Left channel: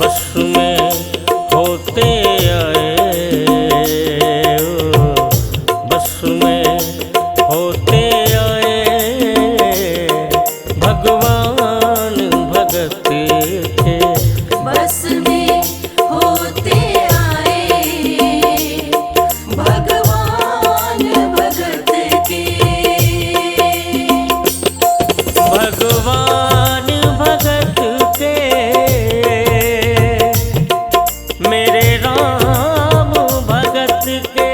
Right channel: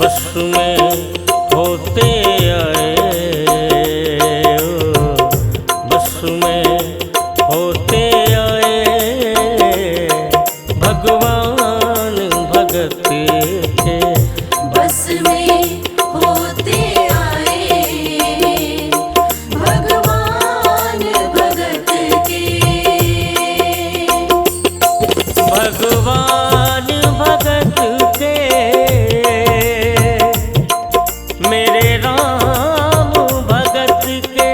बस में होते आए, बस में होते आए भगवान भगत के। बस में होते आए भगवान भगत के। भगवान भगत के मेरे राम भगत के।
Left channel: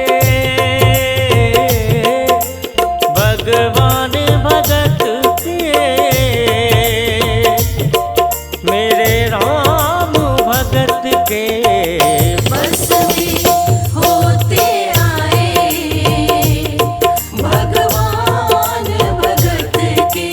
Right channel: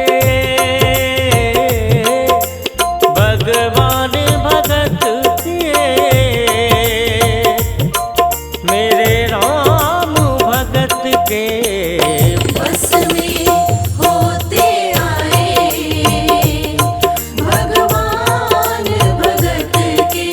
भगवान भगत के मेरे राम भगत के। बस में होते आए भगवान भगत के।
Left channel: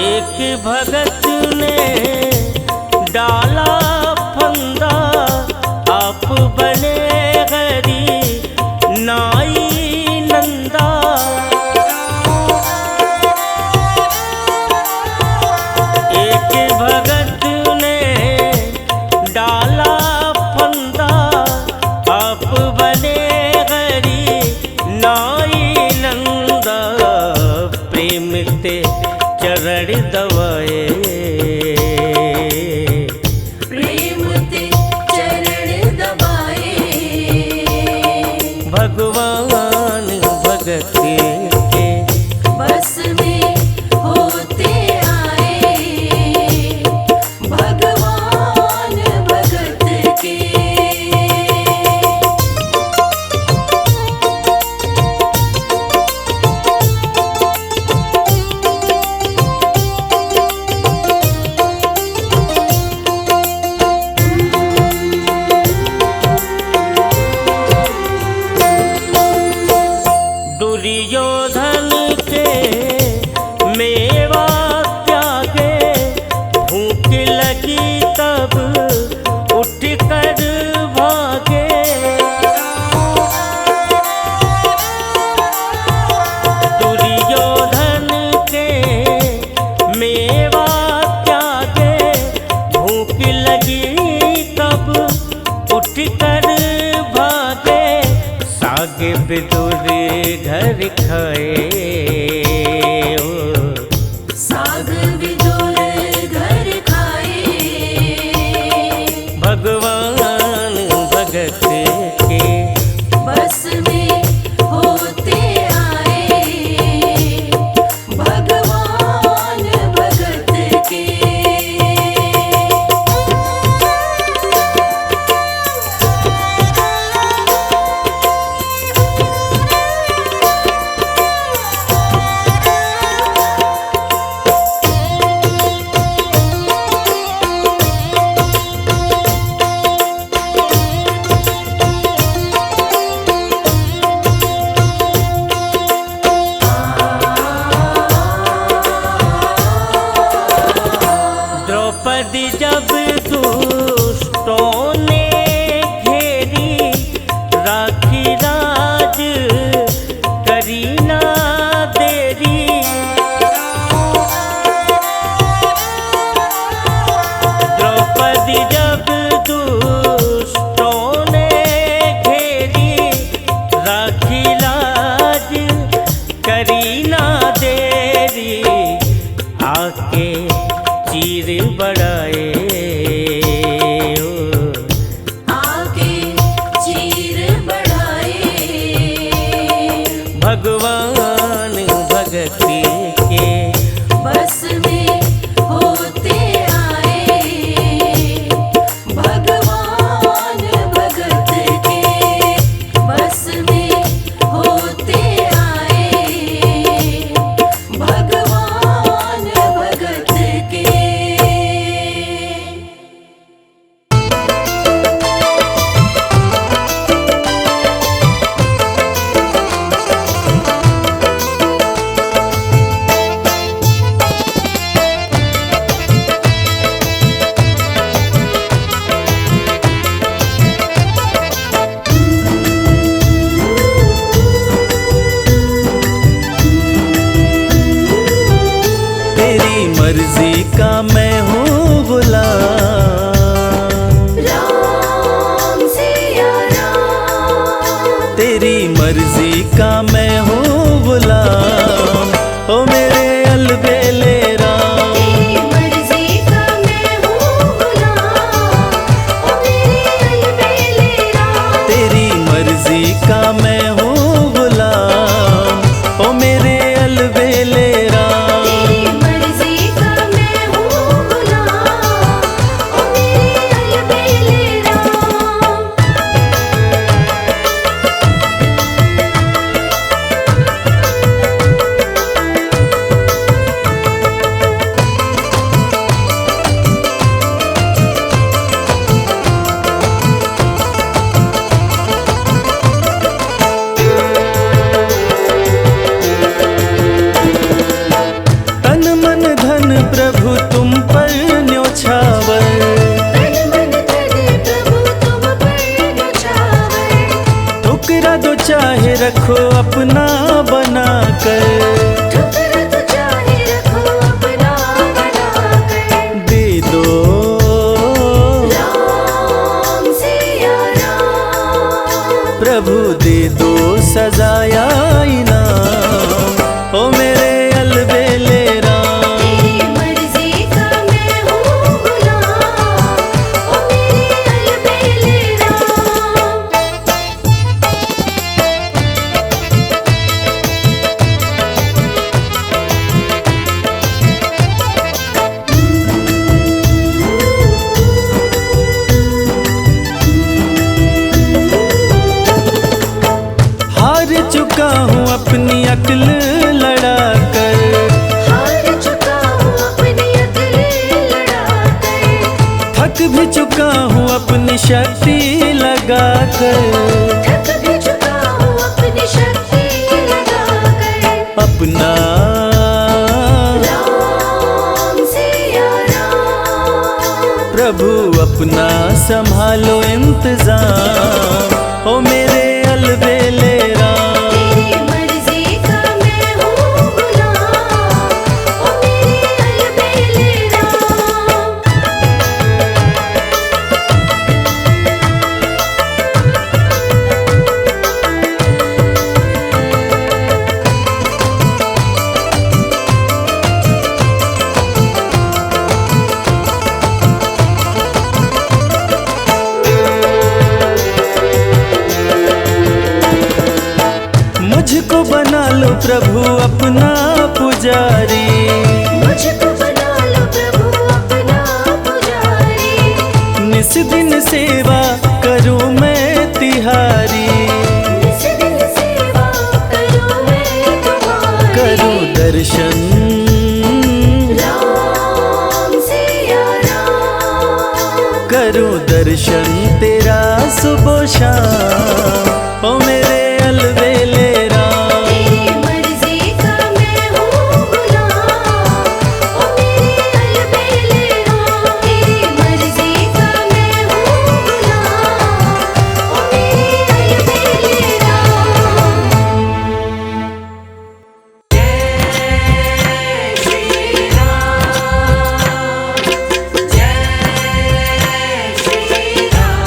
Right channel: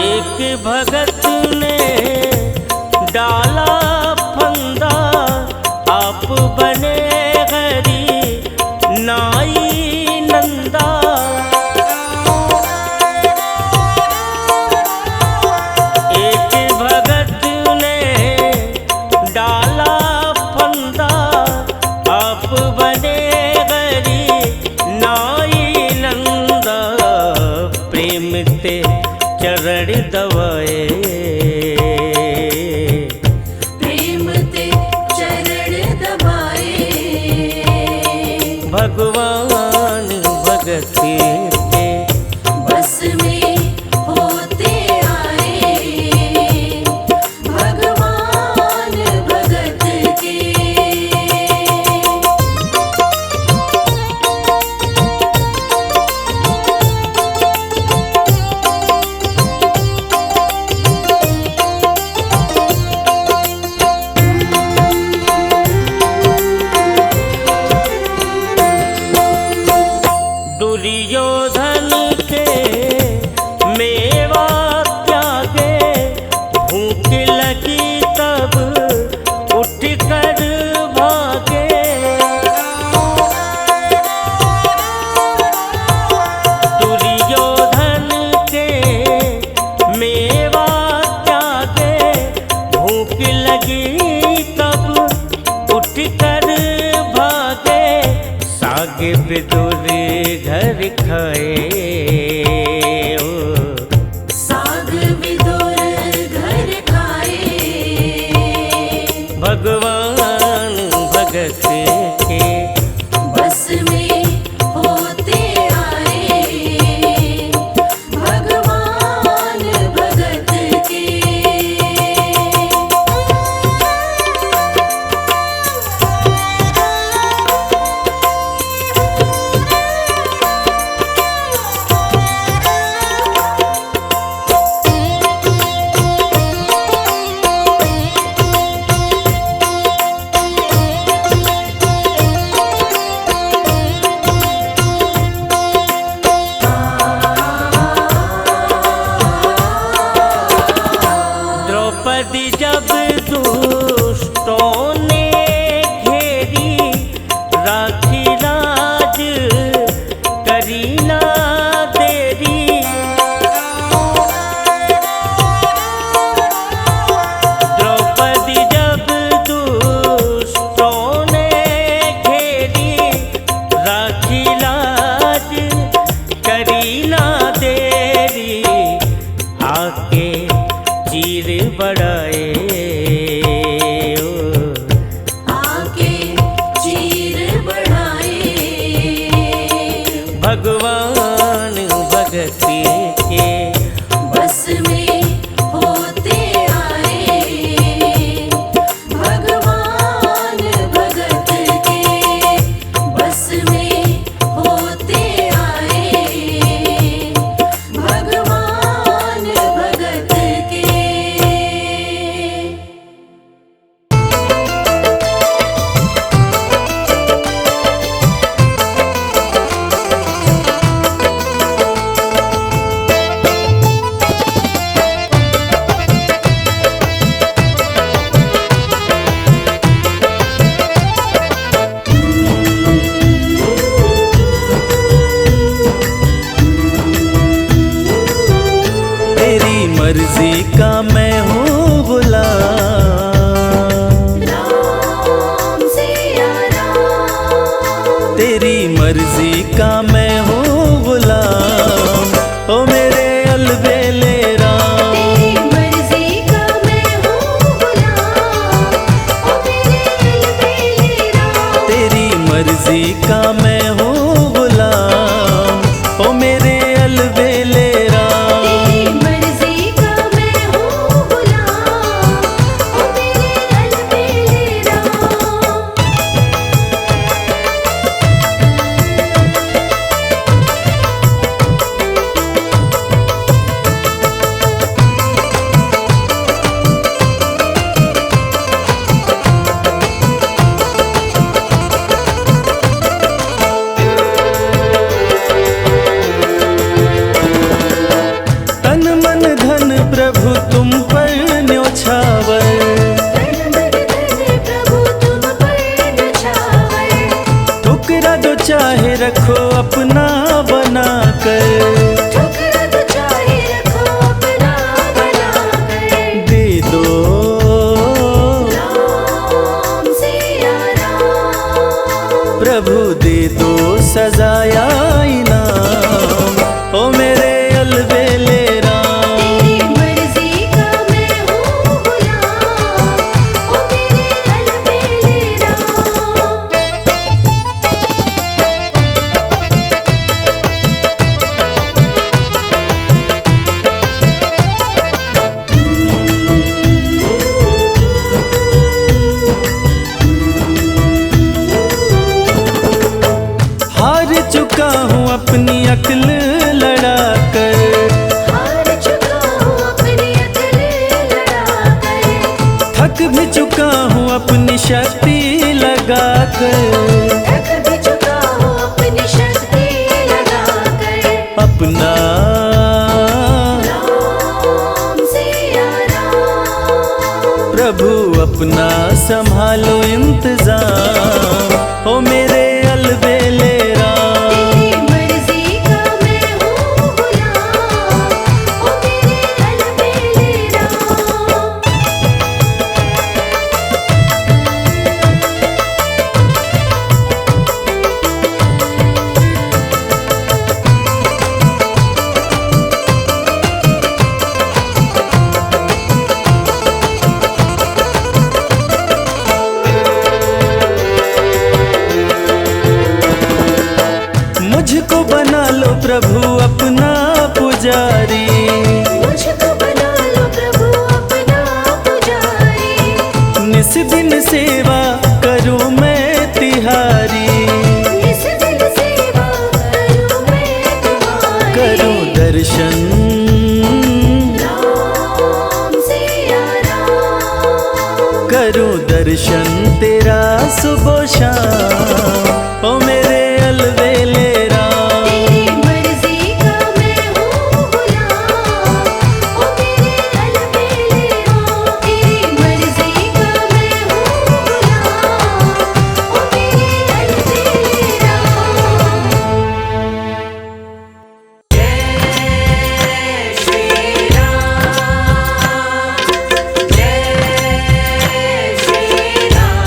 एक भगत ने डाला फंदा, आप बने हरि नाई नंदा। एक भगत ने डाला फंदा, आप बने हरि नाई नंदा। प्रेम ते चरण दवाए, प्रेम ते चरण दबाए भगवान भगत के। बस में होते आए भगवान भगत के। दुर्योधन के मेवा त्यागे, भूख लगी तब उठ कर भागे। दुर्योधन के मेवा त्यागे, भूख लगी तब उठ कर भागे। साग विदुर घर खाए, साग विदुर घर खाए भगवान भगत के। बस में होते आए भगवान भगत के। द्रौपदी जब दुष्टों ने घेरी, राखी राज करी ना देरी। द्रौपदी जब दुष्टों ने घेरी, राखी लाज करी ना देरी। आके चीर बढ़ाए, आके चीर बढ़ाए भगवान भगत के। बस में होते आए भगवान भगत के। बस में होते आए भगवान भगत के। मर्जी का मैं हूँ गुलाम। राम सिया राम, तेरी मर्जी का मैं हूँ गुलाम, ओ मेरे अलबेले राम। तेरी मर्जी का मैं हूँ गुलाम, ओ मेरे अलबेले राम। तेरी मर्जी का मैं हूँ गुलाम, ओ मेरे अलबेले राम। तेरी मर्जी का मैं हूँ गुलाम, ओ मेरे अलबेले राम। तन मन धन प्रभु तुम पर न्योछावर, प्रभु तुम पर न्योछावर, ठुकरा दो चाहे रखो अपना बनाकर। ठुकरा तो चाहे रखो अपना बनाकर। दे दो राम सिया राम, प्रभु दे दो सजाया इनाम, ओ मेरे अलबेले राम। तेरी मर्जी का मैं हूँ गुलाम, ओ मेरे अलबेले राम। हार चुका हूँ अपनी अक्ल लड़ाकर, हार चुका हूँ अपनी अक्ल लड़ाकर, थक भी चुका हूँ अपनी शक्ति लगाकर। थक भी चुका हूँ अपनी शक्ति लगाकर। अपना राम सिया राम, प्रभु अपना संभालो इंतजाम, ओ मेरे अलबेले राम। तेरी मर्जी का मैं हूँ गुलाम, ओ मेरे अलबेले राम। मुझको बना लो प्रभु अपना पुजारी, मुझको बना लो प्रभु अपना पुजारी, निस दिन सेवा करूँ मैं तिहारी। निस दिन सेवा करूँ मैं तुम्हारी। करूँ दर्शन राम सिया राम, करूँ दर्शन तेरा सुबह शाम, ओ मेरे अलबेले राम। तेरी मर्जी का मैं हूँ गुलाम, ओ मेरे अलबेले राम। तेरी मर्जी का मैं हूँ गुलाम, ओ मेरे अलबेले राम। जय श्री राम, जय श्री राम।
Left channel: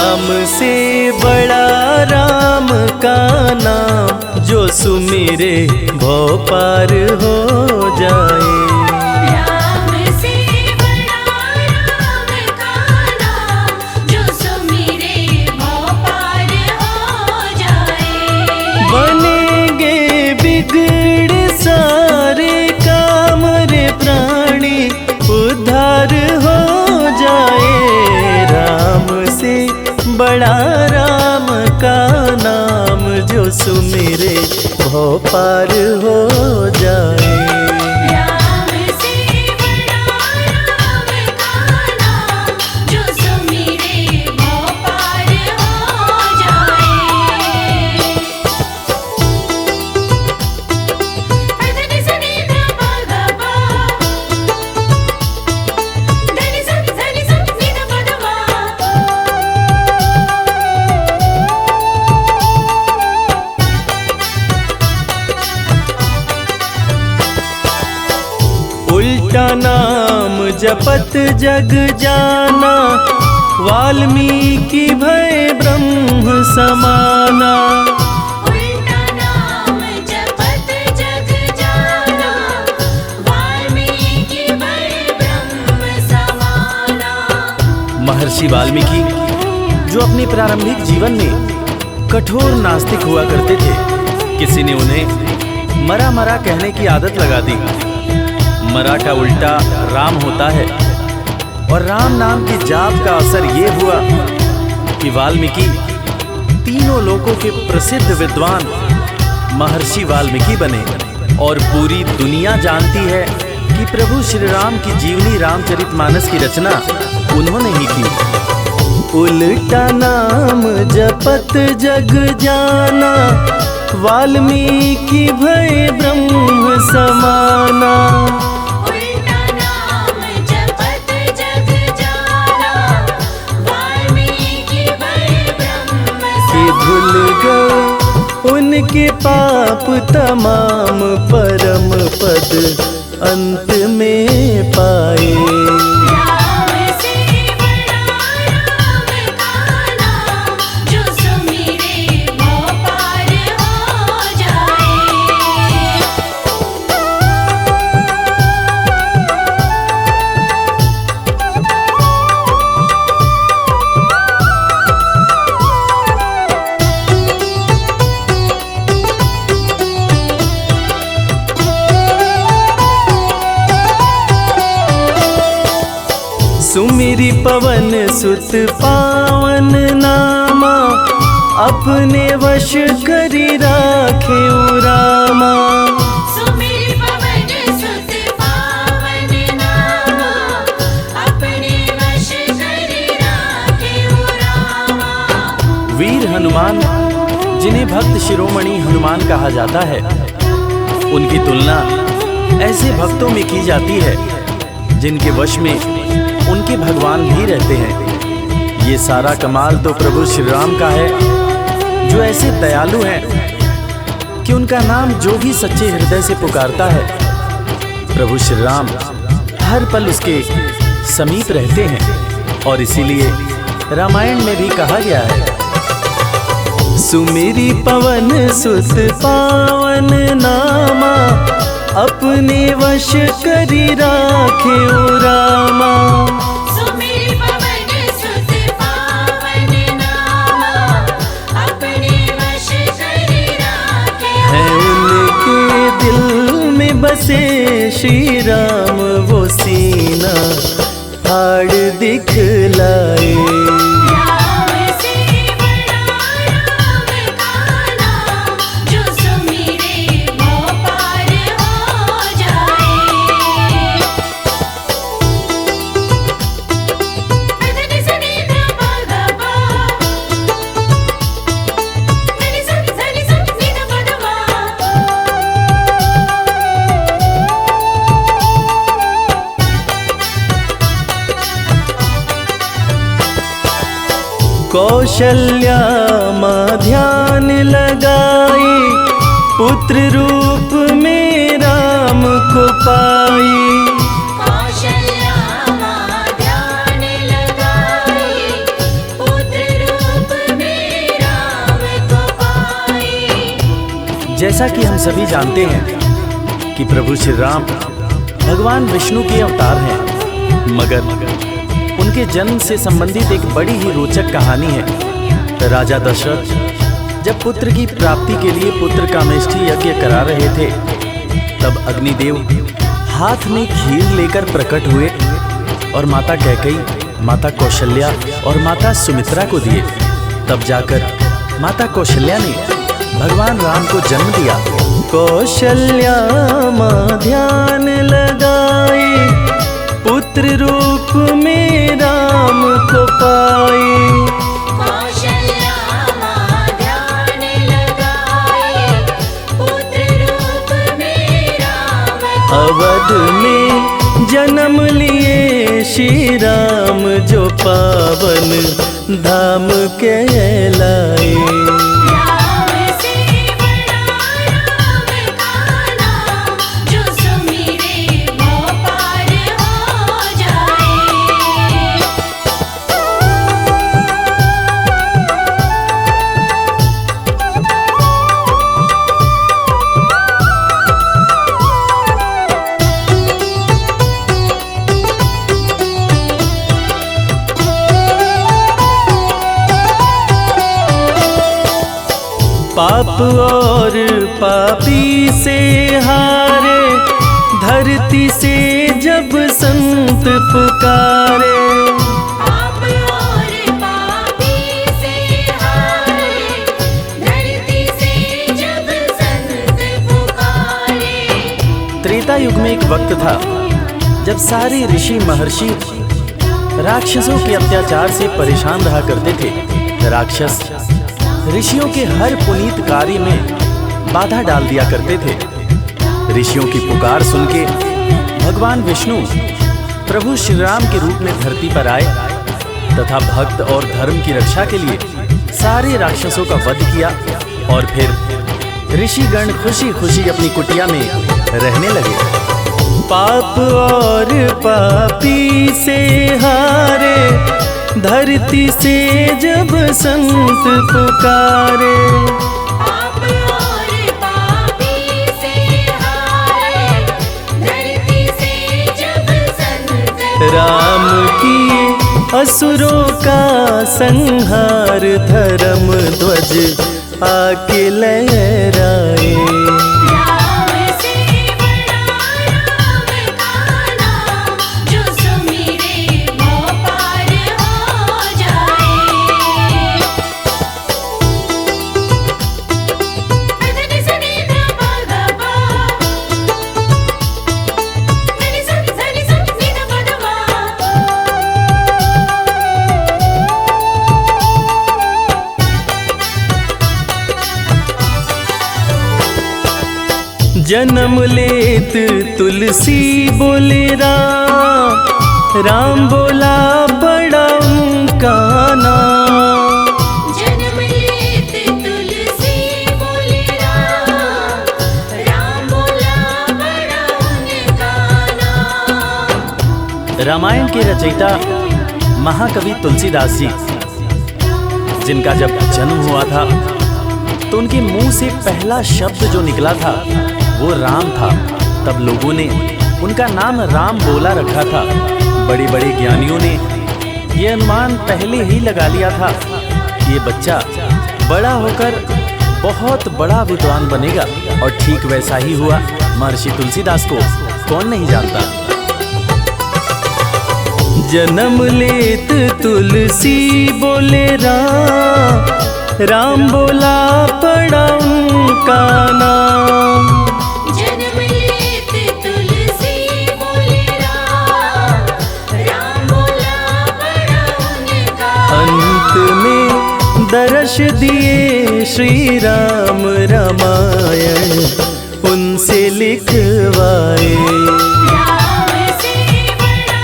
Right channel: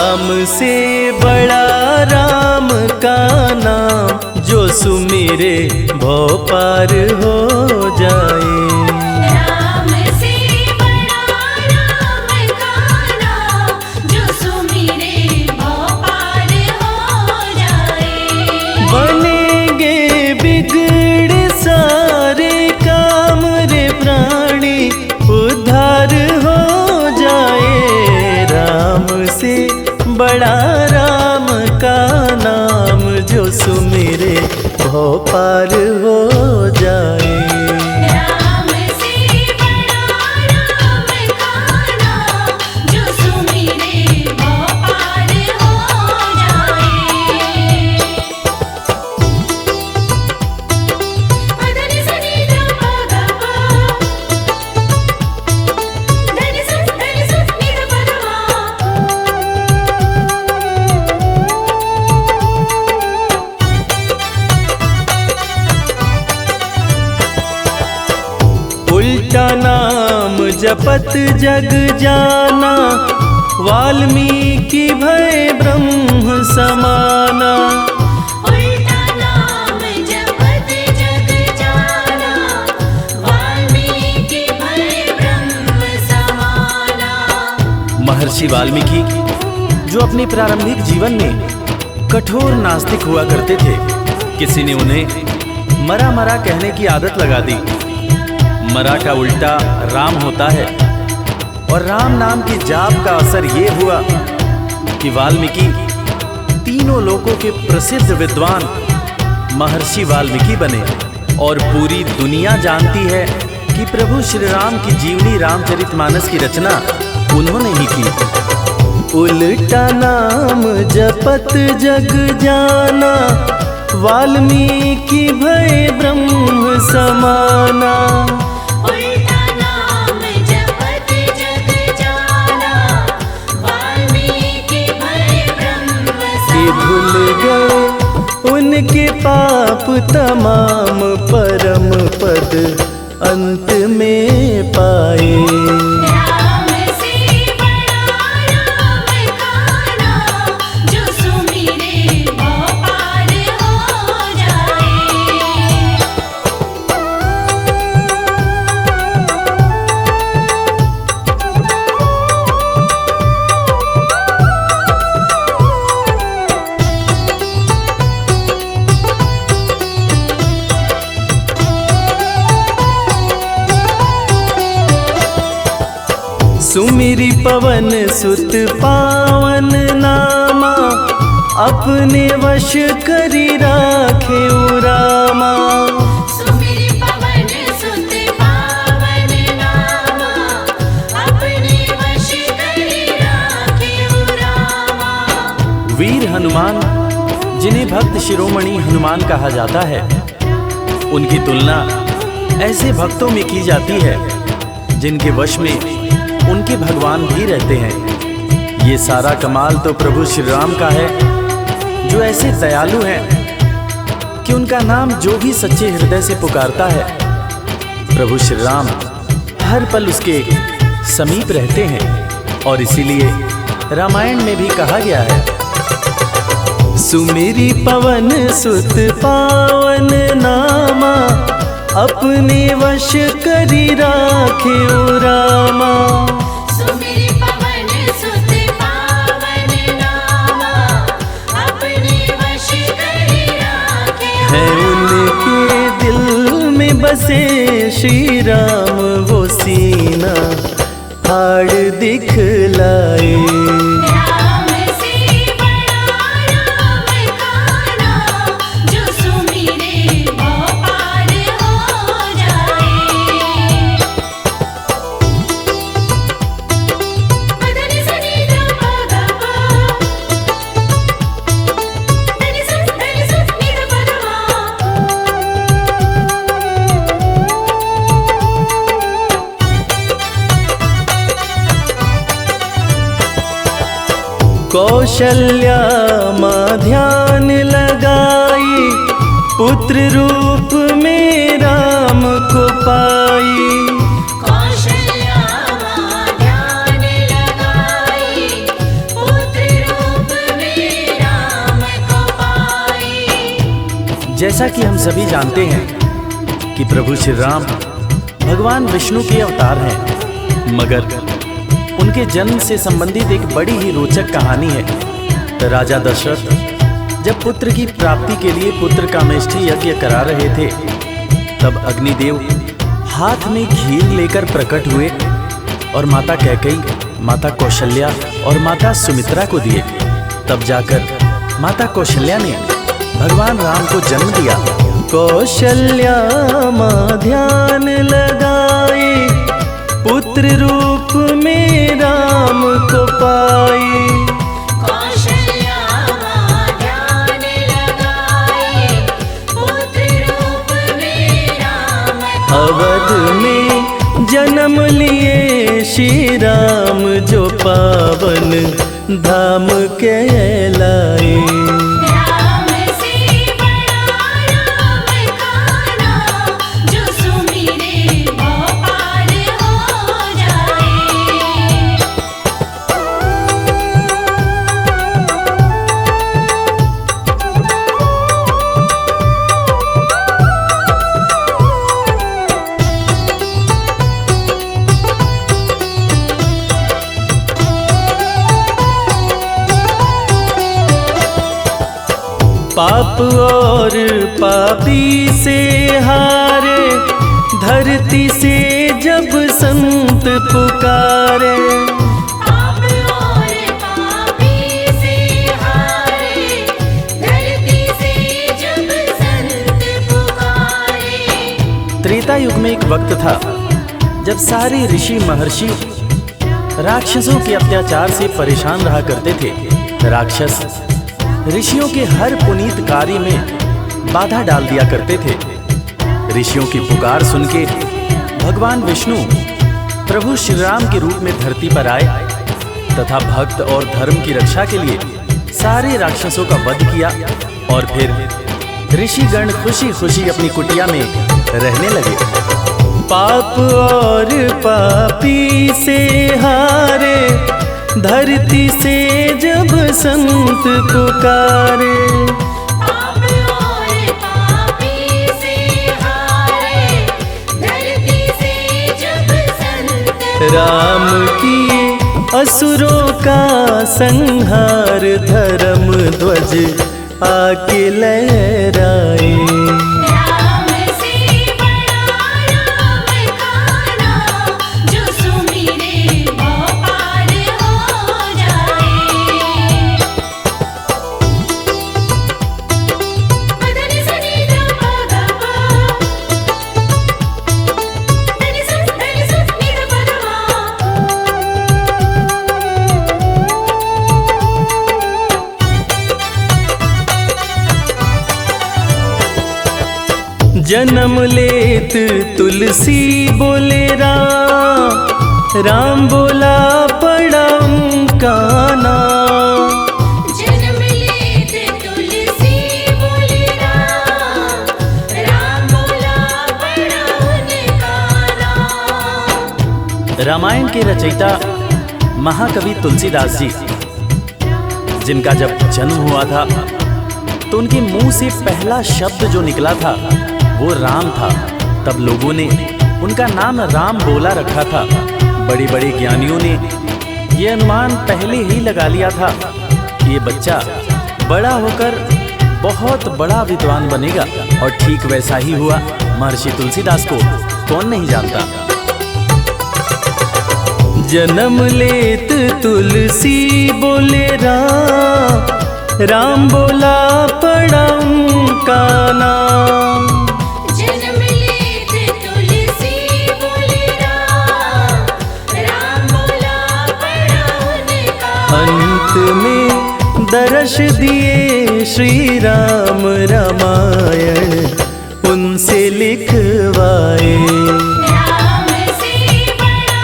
राम से बड़ा राम का नाम, जो सुमिरे भव पार हो जाए। राम से बड़ा राम का नाम, जो सुमिरे भव पार हो जाए। बनेंगे बिगड़ सारे काम रे प्राणी, उद्धार हो जाए। राम से बड़ा राम का नाम, जो सुमिरे भव पार हो जाए। राम से बड़ा राम का नाम, जो सुमिरे भव पार हो जाए। धनि सनि ध प ग प, धनि सनि नि ध प ध मा। उल्टा नाम जपत जग जाना, वाल्मीकि भय ब्रह्म समाना। उल्टा नाम जपत जग जाना, वाल्मीकि भय ब्रह्म समाना। महर्षि वाल्मीकि जो अपने प्रारंभिक जीवन में कठोर नास्तिक हुआ करते थे, किसी ने उन्हें मरा मरा कहने की आदत लगा दी। मरा का उल्टा राम होता है, और राम नाम के जाप का असर ये हुआ कि वाल्मीकि तीनों लोकों के प्रसिद्ध विद्वान महर्षि वाल्मीकि बने। और पूरी दुनिया जानती है कि प्रभु श्री राम की जीवनी रामचरितमानस की रचना उन्होंने ही की। उल्टा नाम जपत जग जाना, वाल्मीकि भय ब्रह्म समाना। उल्टा नाम जपत जग जाना, वाल्मीकि भय ब्रह्म कि भूल गए उनके पाप तमाम, परम पद अंत में पाए। राम से बड़ा राम का नाम, जो सुमिरे भव पार हो जाए। सुमिरि पवन सुत पावन नामा, अपने वश करी राखे रामा। सुमिर पवन सुत पावन नामा, अपने वश करि राखेउ रामा। वीर हनुमान, जिन्हें भक्त शिरोमणि हनुमान कहा जाता है, उनकी तुलना ऐसे भक्तों में की जाती है जिनके वश में उनके भगवान भी रहते हैं। ये सारा कमाल तो प्रभु श्री राम का है, जो ऐसे दयालु हैं कि उनका नाम जो भी सच्चे हृदय से पुकारता है, प्रभु श्री राम हर पल उसके समीप रहते हैं। और इसीलिए रामायण में भी कहा गया है, सुमिरि पवन सुत पावन नामा, अपने वश करी राखे रामा। सुमिर पवन सुत पावन नामा, अपने वश करि राखेउ। है उनके दिल में बसे श्री राम, वो सीना फाड़ दिखलाए। राम से बड़ा राम का नाम, जो सुमिरे भव पार हो जाए। धनि सनि ध प ग प, धनि सनि नि ध प ध मा। कौशल्या माँ ध्यान लगाई, पुत्र रूप में राम को पाई। कौशल्या माँ ध्यान लगाई, पुत्र जैसा कि हम सभी जानते हैं कि प्रभु श्री राम भगवान विष्णु के अवतार हैं, मगर उनके जन्म से संबंधित एक बड़ी ही रोचक कहानी है। राजा दशरथ जब पुत्र की प्राप्ति के लिए पुत्र कामेष्ठी यज्ञ करा रहे थे, तब अग्निदेव हाथ में खीर लेकर प्रकट हुए और माता कैकेयी, माता कौशल्या और माता सुमित्रा को दिए। तब जाकर माता कौशल्या ने भगवान राम को जन्म दिया। कौशल्या माँ ध्यान लगाई, पुत्र रूप में राम को पाई। कौशल्या माँ ध्यान लगाई, पुत्र रूप में राम को अवध में जन्म लिए श्री राम, जो पावन धाम कहलाए। राम से बड़ा राम का नाम, जो सुमिरे वो पार हो जाए। पाप और पापी से हारे, धरती से जब संत पुकारे। पाप और पापी से हारे, धरती से जब संत पुकारे। त्रेता युग में एक वक्त था जब सारे ऋषि महर्षि राक्षसों के अत्याचार से परेशान रहा करते थे। राक्षस ऋषियों के हर पुनीत कार्य में बाधा डाल दिया करते थे। ऋषियों की पुकार सुन के भगवान विष्णु प्रभु श्री राम के रूप में धरती पर आए तथा भक्त और धर्म की रक्षा के लिए सारे राक्षसों का वध किया और फिर ऋषिगण खुशी खुशी अपनी कुटिया में रहने लगे। पाप और पापी से हारे, धरती से जब संत पुकारे। पाप और पापी से हारे, धरती से जब संत राम किए असुरों का संहार, धर्म ध्वज आके लहराए। राम से बड़ा राम का नाम, जो सुमिरे वो पार हो जाए। धनि सनि ध प ध प, धनि सनि नि ध प ध जन्म लेत तुलसी बोले राम, राम बोला बड़ा उनका नाम। जन्म लेत तुलसी बोले राम, राम बोला बड़ा उनका नाम। रामायण के रचयिता महाकवि तुलसीदास जी, जिनका जब जन्म हुआ था तो उनके मुंह से पहला शब्द जो निकला था वो राम था। तब लोगों ने उनका नाम राम बोला रखा था। बड़े बड़े ज्ञानियों ने ये अनुमान पहले ही लगा लिया था कि ये बच्चा बड़ा होकर बहुत बड़ा विद्वान बनेगा, और ठीक वैसा ही हुआ। महर्षि तुलसीदास को कौन नहीं जानता। जन्म लेत तुलसी बोले राम, राम बोला पड़ा उनका नाम। जन्म लेत तुलसी बोले राम, राम बोला बड़ा उनका अंत में दर्श दिए श्री राम, रामायण उनसे लिखवाए। राम से बड़ा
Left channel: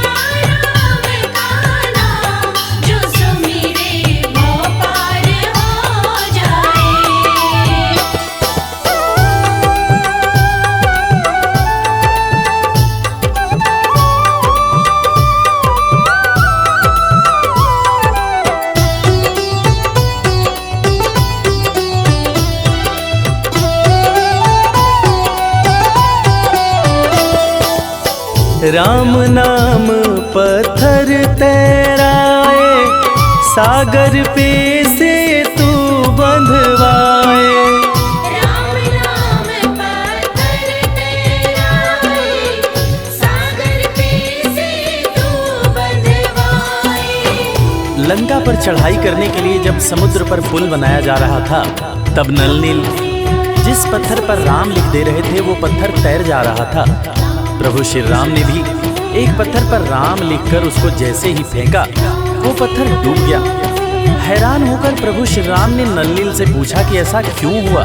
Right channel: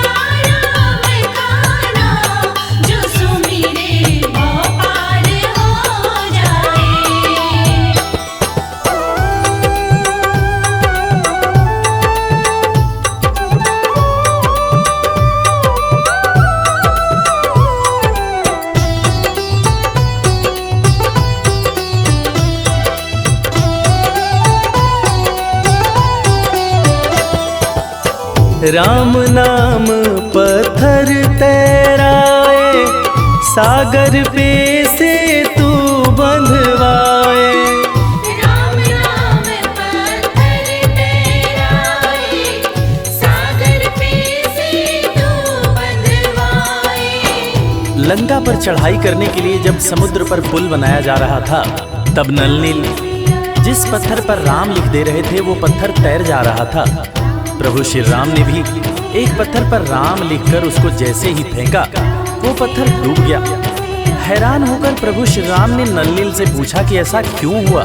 राम का नाम, जो सुमिरे वो पार हो जाए। राम नाम पत्थर तैराए, सागर पे से तू बंधवाए। राम नाम पत्थर तैराए, सागर पे से तू बंधवाए। लंका पर चढ़ाई करने के लिए जब समुद्र पर पुल बनाया जा रहा था, तब नल नील जिस पत्थर पर राम लिख दे रहे थे वो पत्थर तैर जा रहा था। प्रभु श्री राम ने भी एक पत्थर पर राम लिखकर उसको जैसे ही फेंका, वो पत्थर डूब गया। हैरान होकर प्रभु श्री राम ने नल नील से पूछा कि ऐसा क्यों हुआ।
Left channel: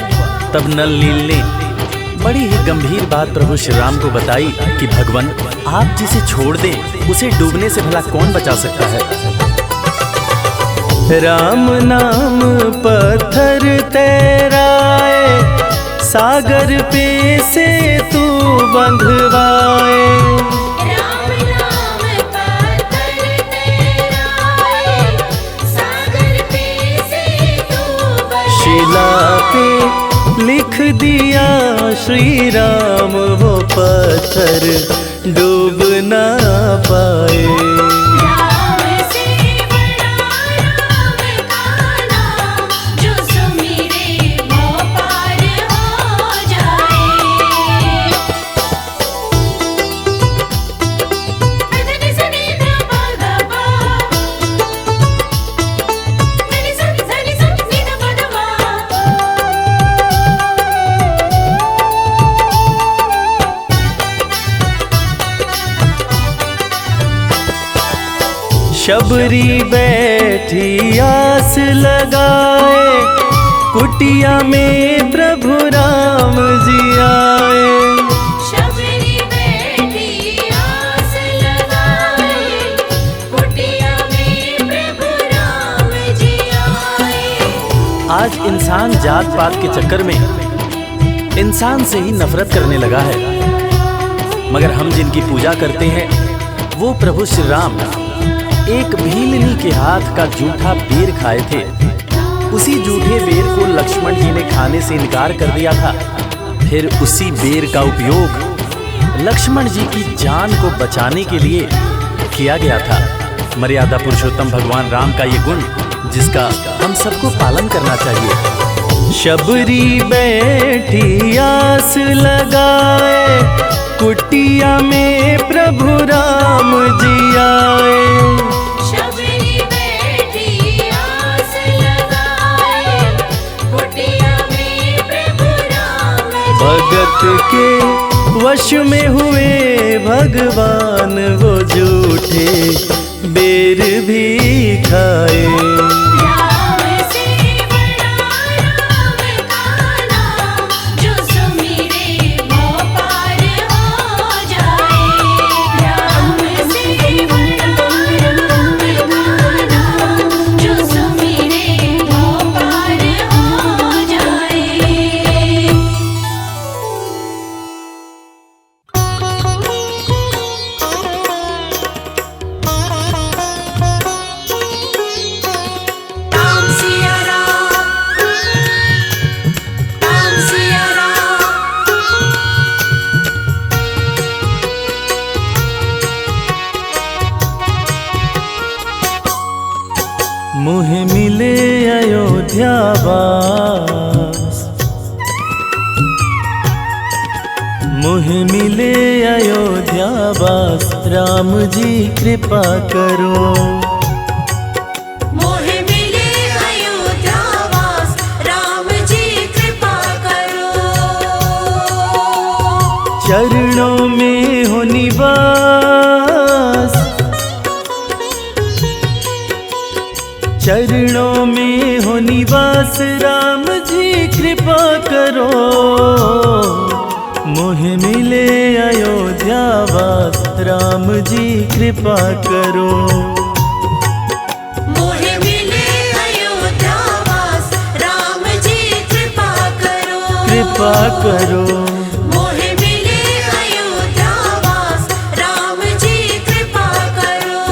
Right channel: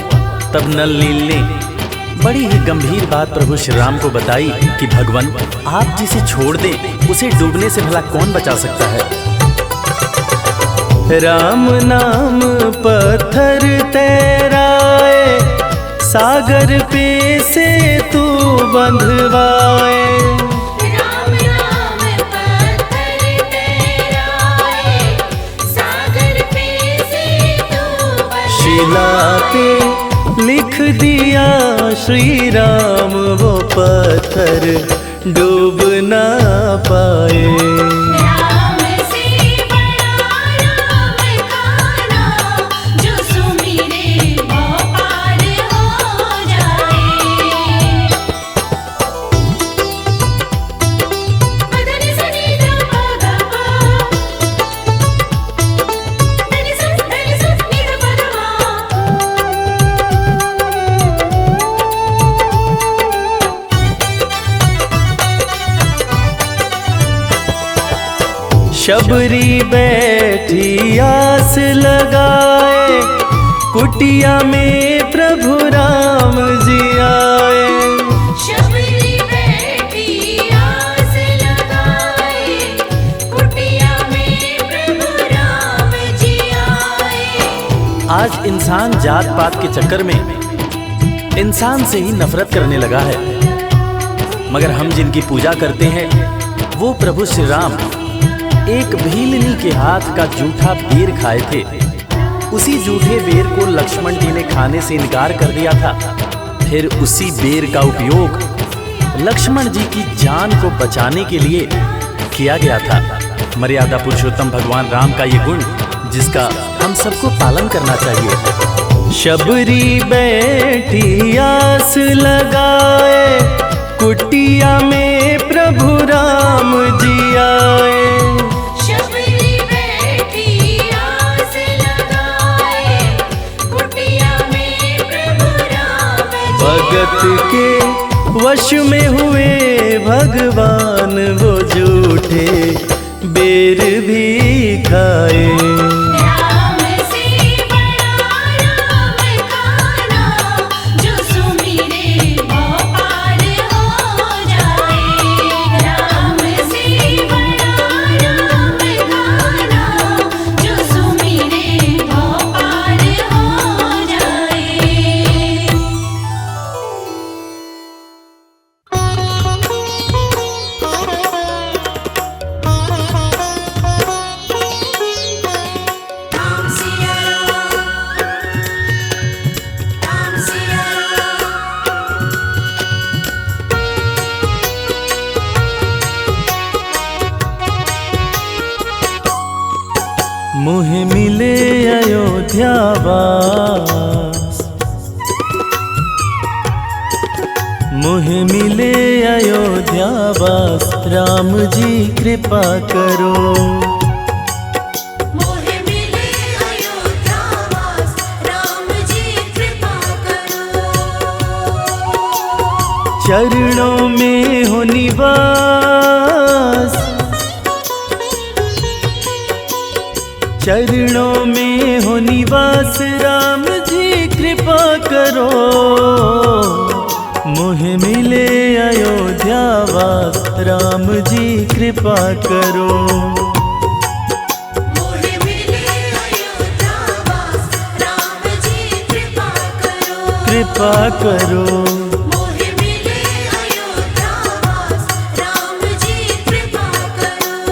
तब नल नील ने बड़ी ही गंभीर बात प्रभु श्री राम को बताई कि भगवान, आप जिसे छोड़ दें उसे डूबने से भला कौन बचा सकता है। राम नाम पत्थर तैराए, सागर पे से तू बंधवाए। राम नाम पत्थर तैराए, सागर पे से तू बंधवाए। शिला पे लिख दिया श्री राम, वो पत्थर डूब ना पाए। राम से बड़ा राम का नाम, जो सुमिरे वो पार हो जाए। मदनि सनि ध प ग प, मदनि सनि धनि स नि ध प ध शबरी बैठी आस लगाए, कुटिया में प्रभु राम जी आए। शबरी बैठी आस लगाए, कुटिया में प्रभु राम जी आए। आज इंसान जात पात के चक्कर में इंसान से ही नफरत करने लगा है, मगर हम जिनकी पूजा करते हैं वो प्रभु श्री राम एक भीलनी के हाथ का जूठा बेर खाए थे। उसी जूठे बेर को लक्ष्मण जी ने खाने से इनकार कर दिया था। फिर उसी बेर का उपयोग लक्ष्मण जी की जान को बचाने के लिए किया गया था। मर्यादा पुरुषोत्तम भगवान राम का ये गुण जिसका हम सबको पालन करना चाहिए। शबरी बैठी आस लगाए, कुटिया में प्रभु राम जी आए। शबरी बैठी आस लगाए, कुटिया में प्रभु राम जी भगत के वश में हुए भगवान, वो झूठे बेर भी खाए। राम से बड़ा राम का नाम, जो सुमिरे वो पार हो जाए। राम से बड़ा राम का नाम, जो सुमिरे वो पार हो जाए। राम सिया राम, राम सिया राम। मुहे मिले अयोध्या वास, मुहे मिले अयोध्या वास, राम जी कृपा करो। मोहे मिले अयोध्या वास, राम जी कृपा करो। चरणों में हो निवास, चरणों में हो निवास, राम जी कृपा करो। मोहे मिले अयोध्या वास, राम जी कृपा करो। मोहे मिले अयोध्या वास, राम जी कृपा करो। कृपा करो। मोहे मिले अयोध्या वास, राम जी कृपा करो।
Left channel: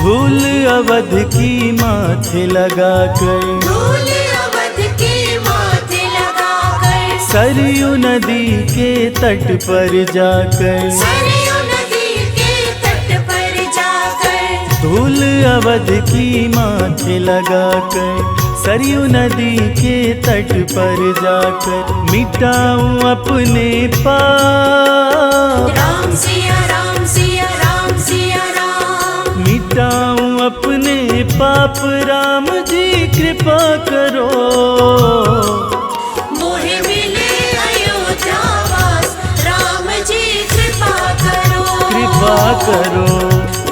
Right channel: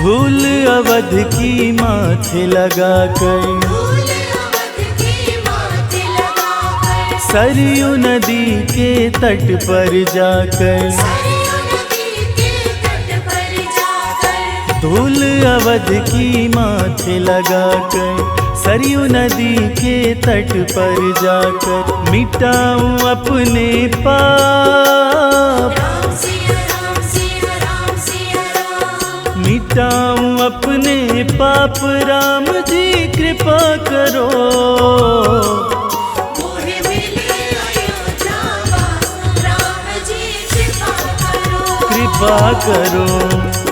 धूल अवध की माथे लगाकर, धूल अवध की माथे लगाकर, सरयू नदी के तट पर जाकर, सरयू नदी के तट पर जाकर, धूल अवध की माथे लगाकर, सरयू नदी के तट पर जाकर, मिटाऊं अपने पाप, राम सिया राम सिया राम सिया राम, मिटाऊं अपने पाप, राम जी कृपा करो, मोहे मिले अयोध्या वास, राम जी कृपा करो, कृपा करो।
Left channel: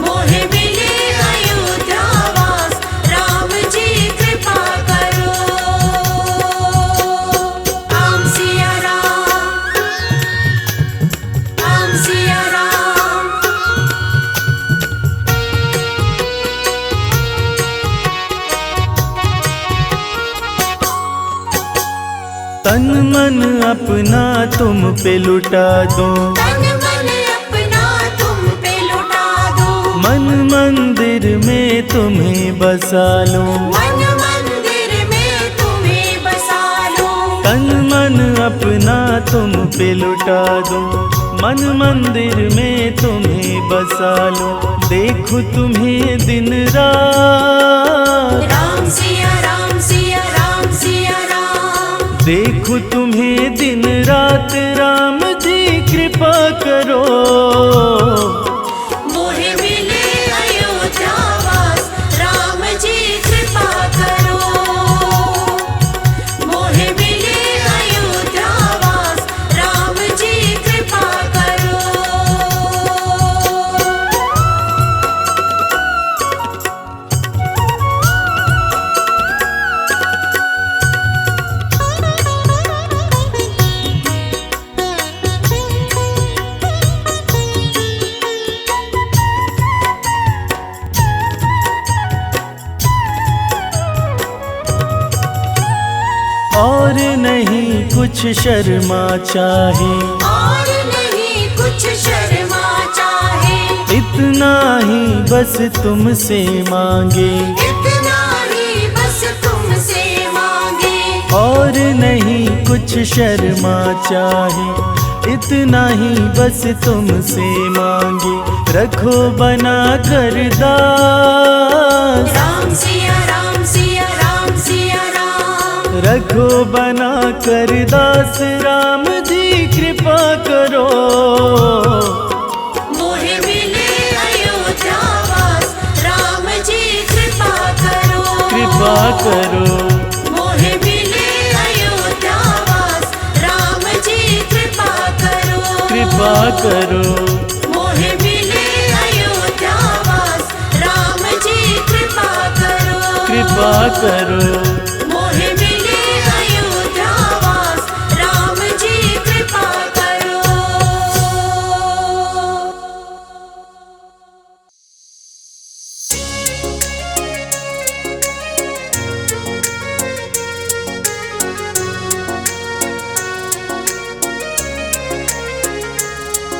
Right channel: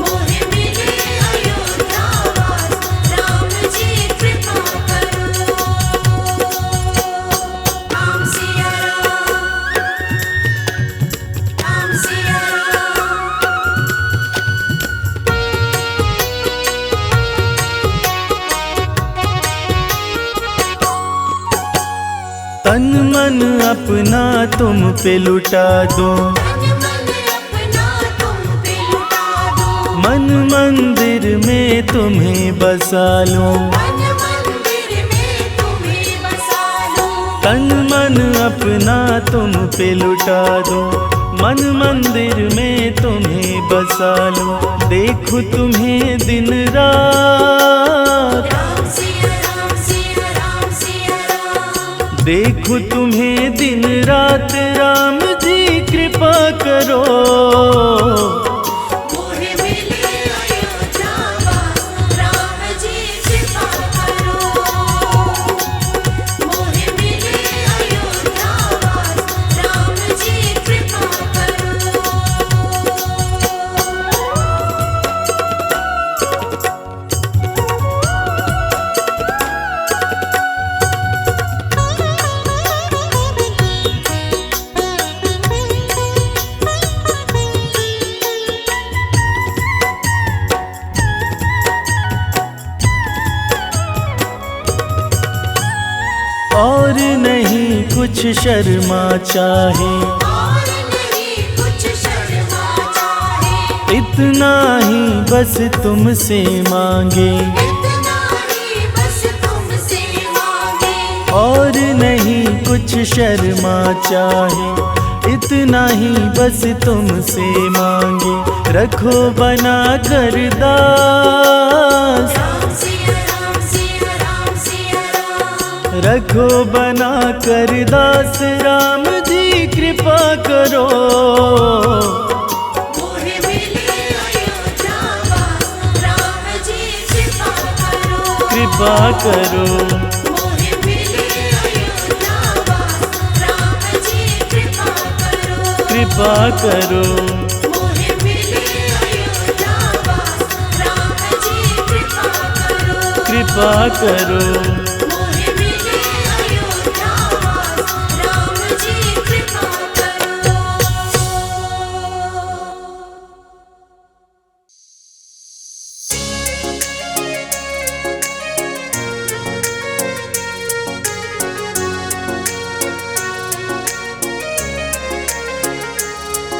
मोहे मिले अयोध्या वास, राम जी कृपा करो। राम सिया राम, राम सिया राम, तन मन अपना तुम पे लुटा दो, तन मन अपना तुम पे लुटा दो, मन मंदिर में तुम्हें बसा लूं, मन मंदिर में तुम्हें बसा लो, तन मन अपना तुम पे लुटा दो, मन मंदिर में तुम्हें बसा लूं, देखूं तुम्हें दिन रात, राम सिया राम सिया राम सिया राम, देखूं तुम्हें दिन रात, राम जी कृपा करो, मोहे मिले अयोध्या वास, राम जी कृपा करो, मोहे मिले अयोध्या वास, राम जी कृपा करो। और नहीं कुछ शर्मा चाहे, और नहीं कुछ शर्मा चाहे, इतना ही बस तुमसे मांगे, इतना ही बस तुमसे मांगे, और नहीं कुछ शर्मा चाहे, इतना ही बस तुमसे मांगे, रखो बना कर दास, राम सिया राम सिया राम सिया राम, रखो बना कर दास, राम जी कृपा करो, मोहे मिले अयोध्या वास, राम जी कृपा करो, कृपा करो, मोहे मिले अयोध्या वास, राम जी कृपा करो, कृपा करो, मोहे मिले अयोध्या वास, राम जी कृपा करो, कृपा करो। मोहे मिले अयोध्या वास, राम जी कृपा करो।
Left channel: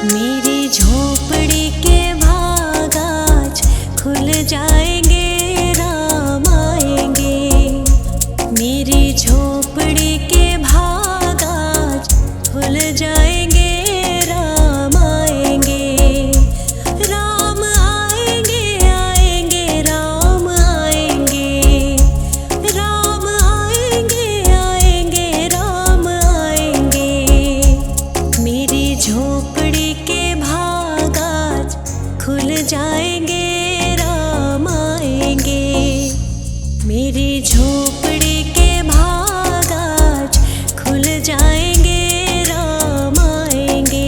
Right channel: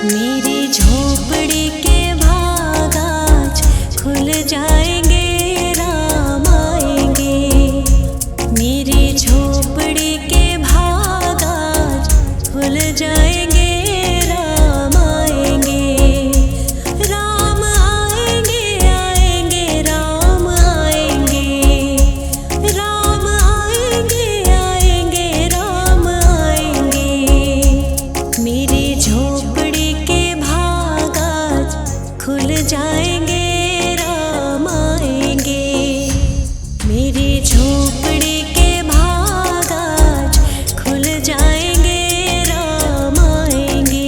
मेरी झोपड़ी के भाग आज खुल जाएंगे, राम आएंगे, मेरी झोपड़ी के भाग आज खुल जाएंगे, राम आएंगे, राम आएंगे आएंगे राम आएंगे, राम आएंगे आएंगे राम आएंगे, मेरी झोपड़ी के भाग आज खुल जाएंगे, राम आएंगे, मेरी झोपड़ी के भाग आज खुल जाएंगे, राम आएंगे।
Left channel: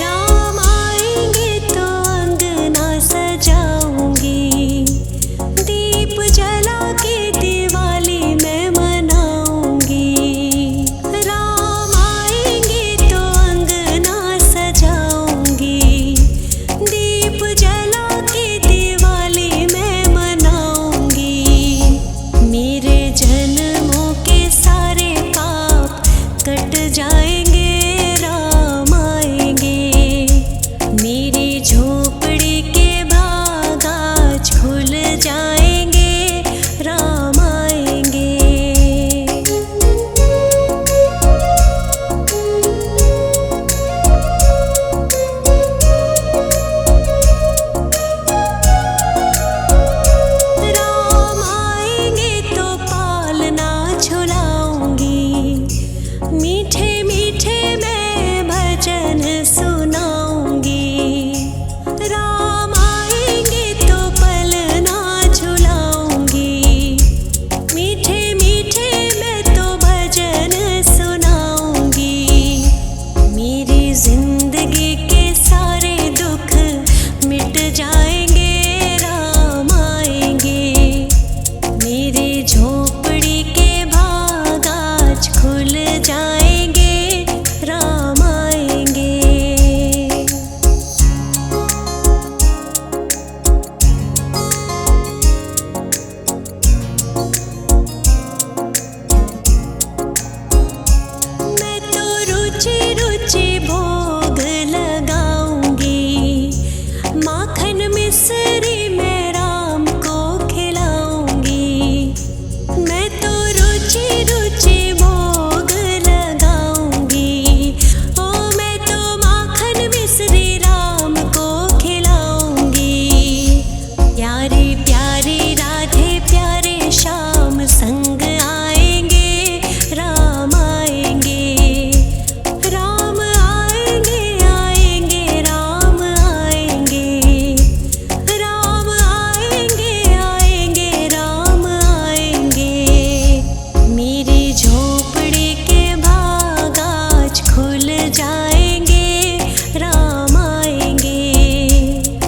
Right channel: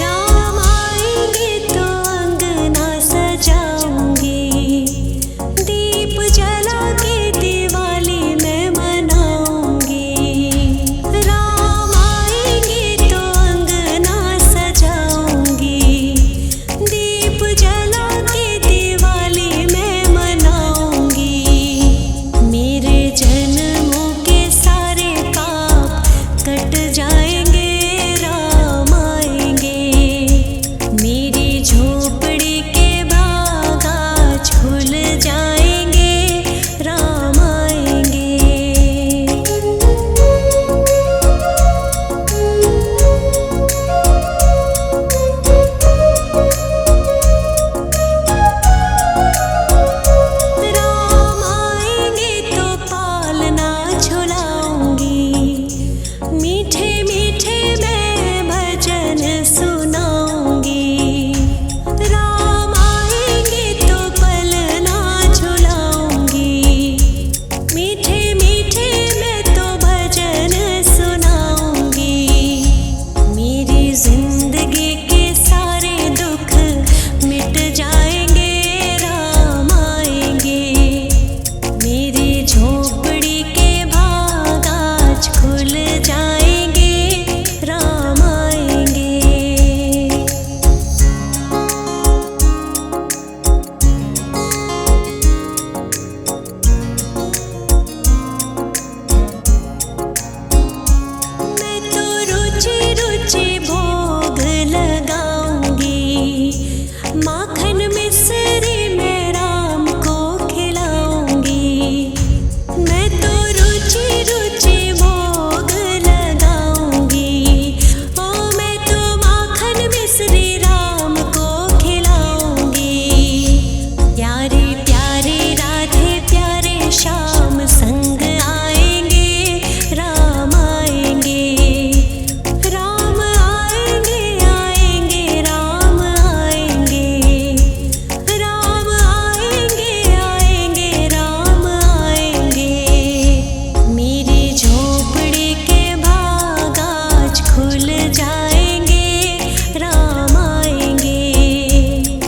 राम आएंगे तो अंगना सजाऊंगी, दीप जला के माखन मिश्री मैं राम को खिलाऊंगी। मैं तो रुचि रुचि भोग लगाऊंगी। ओ मैं तो माखन मिश्री राम को खिलाऊंगी। प्यारे प्यारे राधे प्यारे श्याम संग आएंगे, राम आएंगे। राम आएंगे आएंगे राम आएंगे। राम आएंगे आएंगे राम आएंगे। मेरी झोपड़ी के भाग आज खुल जाएंगे, राम आएंगे।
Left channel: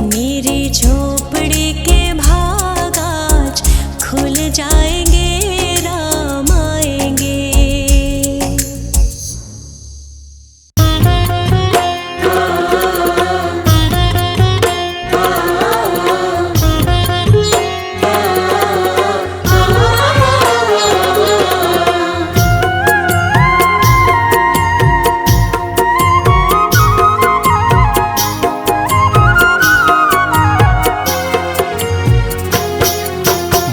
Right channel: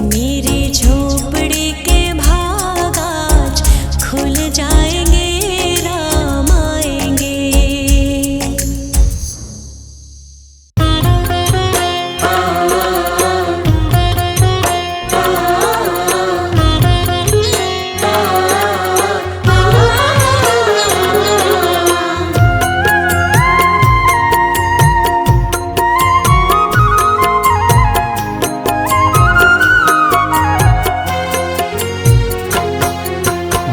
मेरी झोपड़ी के भाग आज खुल जाएंगे, राम आएंगे।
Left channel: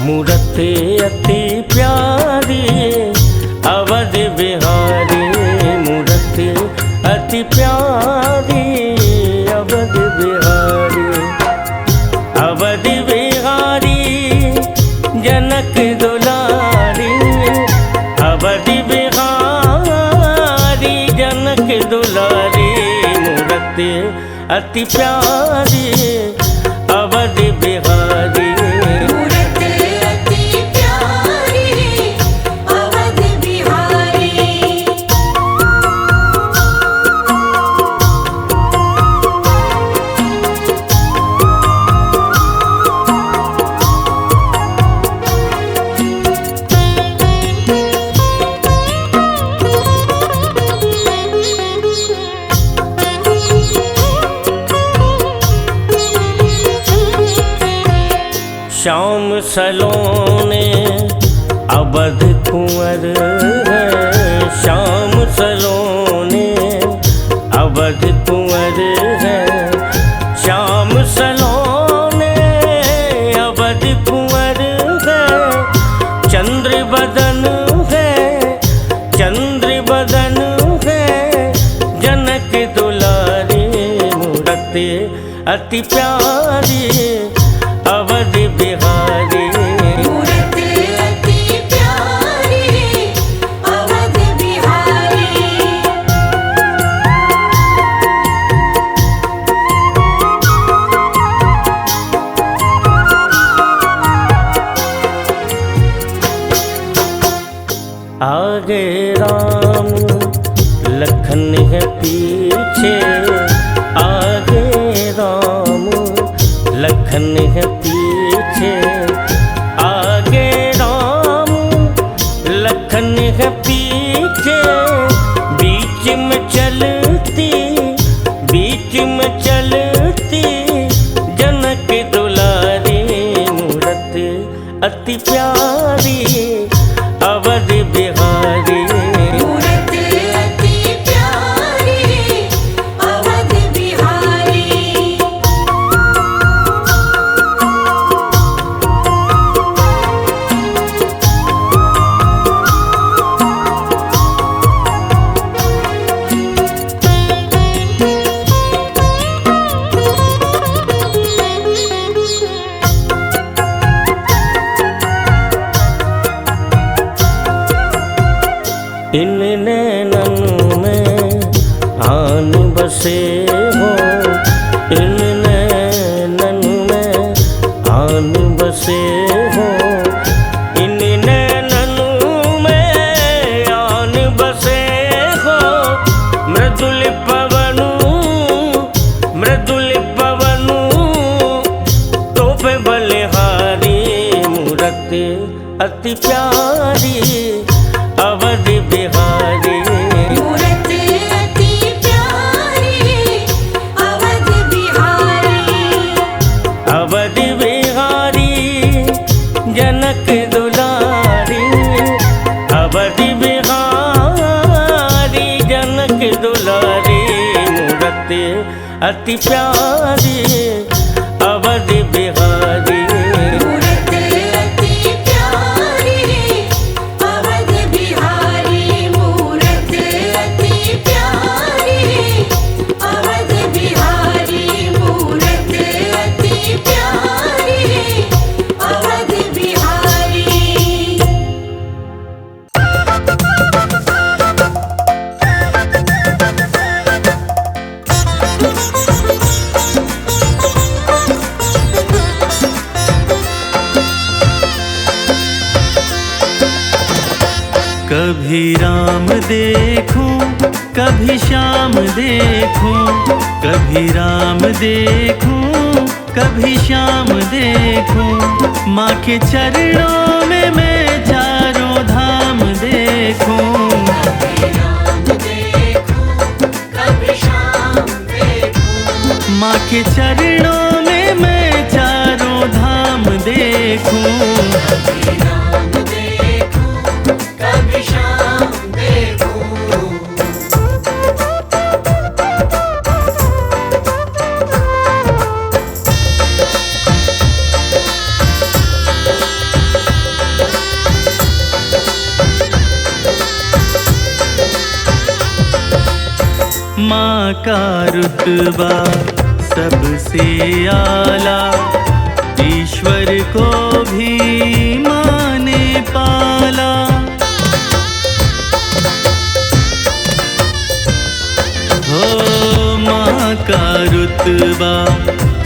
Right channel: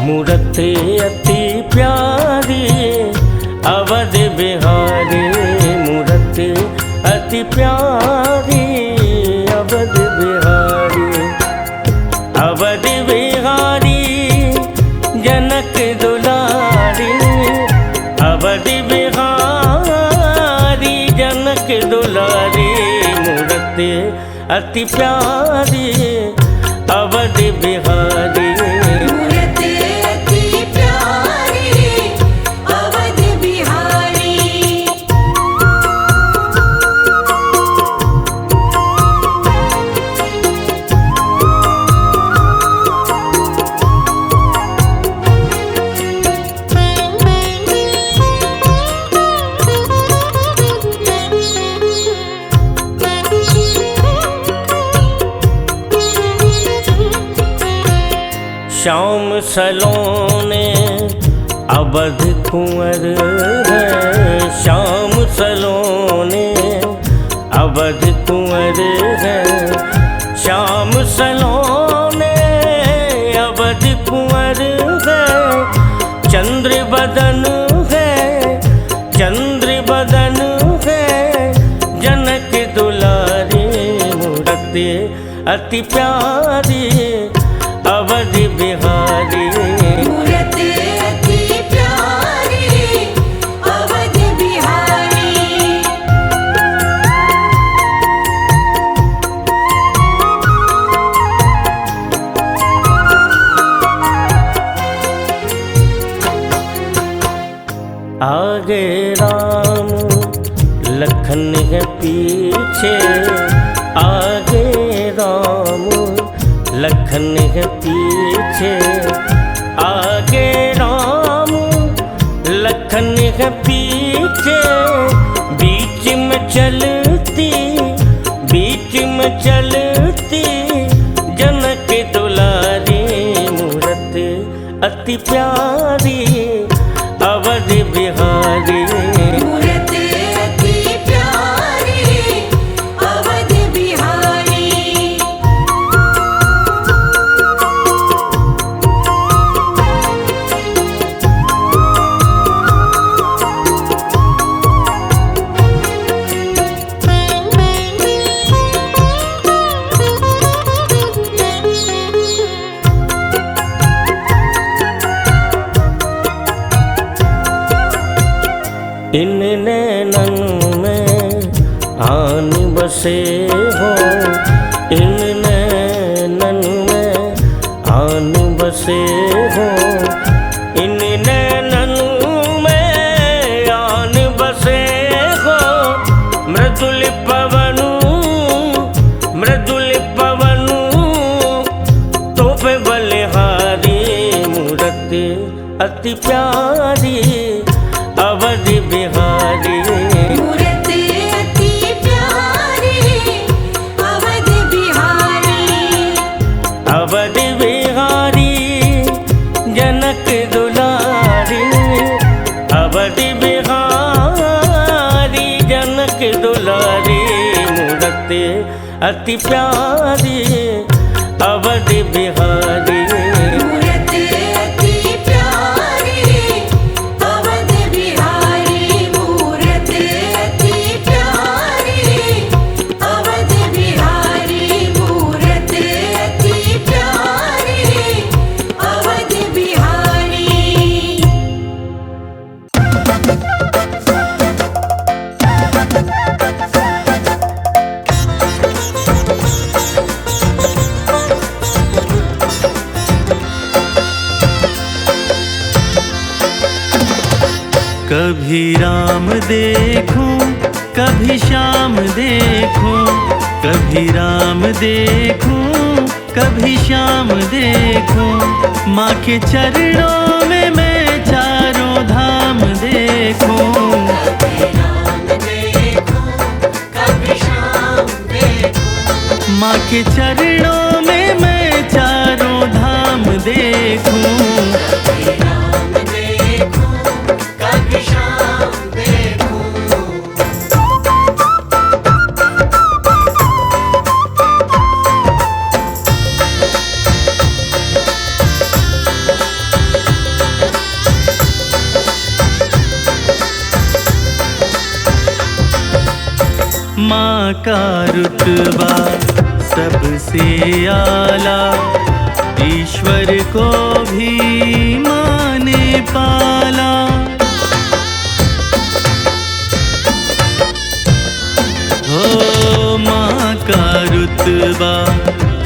मूरत अति प्यारी अवध बिहारी। मूरत अति प्यारी अवध बिहारी। अवध बिहारी जनक दुलारी। अवध बिहारी जनक दुलारी। मूरत अति प्यारी अवध बिहारी। श्याम सलोने अवध कुंवर है। श्याम सलोने अवध कुंवर है। श्याम सलोने अवध कुंवर है। चंद्र बदन है, चंद्र बदन है जनक दुलारी। मूरत अति प्यारी अवध बिहारी। मूरत अति प्यारी अवध बिहारी। आगे राम लखन है पीछे। आगे राम लखन है पीछे। आगे राम लखन है पीछे। बीच में चलती, बीच में चलती जनक दुलारी। मूरत अति प्यारी अवध बिहारी। मूरत अति प्यारी अवध बिहारी। इन नैनन में आन बसे हो। इन नैनन में आन बसे हो। इन नैनन में आन बसे हो। मृदुल पवनु, मृदुल पवनु तो पे बलिहारी। मूरत अति प्यारी अवध बिहारी। मूरत अति प्यारी अवध बिहारी। अवध बिहारी जनक दुलारी। अवध बिहारी जनक दुलारी। मूरत अति प्यारी अवध बिहारी। मूरत अति प्यारी अवध बिहारी, मूरत अति प्यारी अवध बिहारी, मूरत अति प्यारी अवध बिहारी। कभी राम देखूं कभी श्याम देखूं, कभी राम देखूं कभी श्याम देखूं, माँ के चरणों में मैं चारों धाम देखूं। माँ के चरणों में मैं चारों धाम देखूं। माँ का रुतबा सबसे आला, ईश्वर को भी माँ ने पाला। हो माँ का रुतबा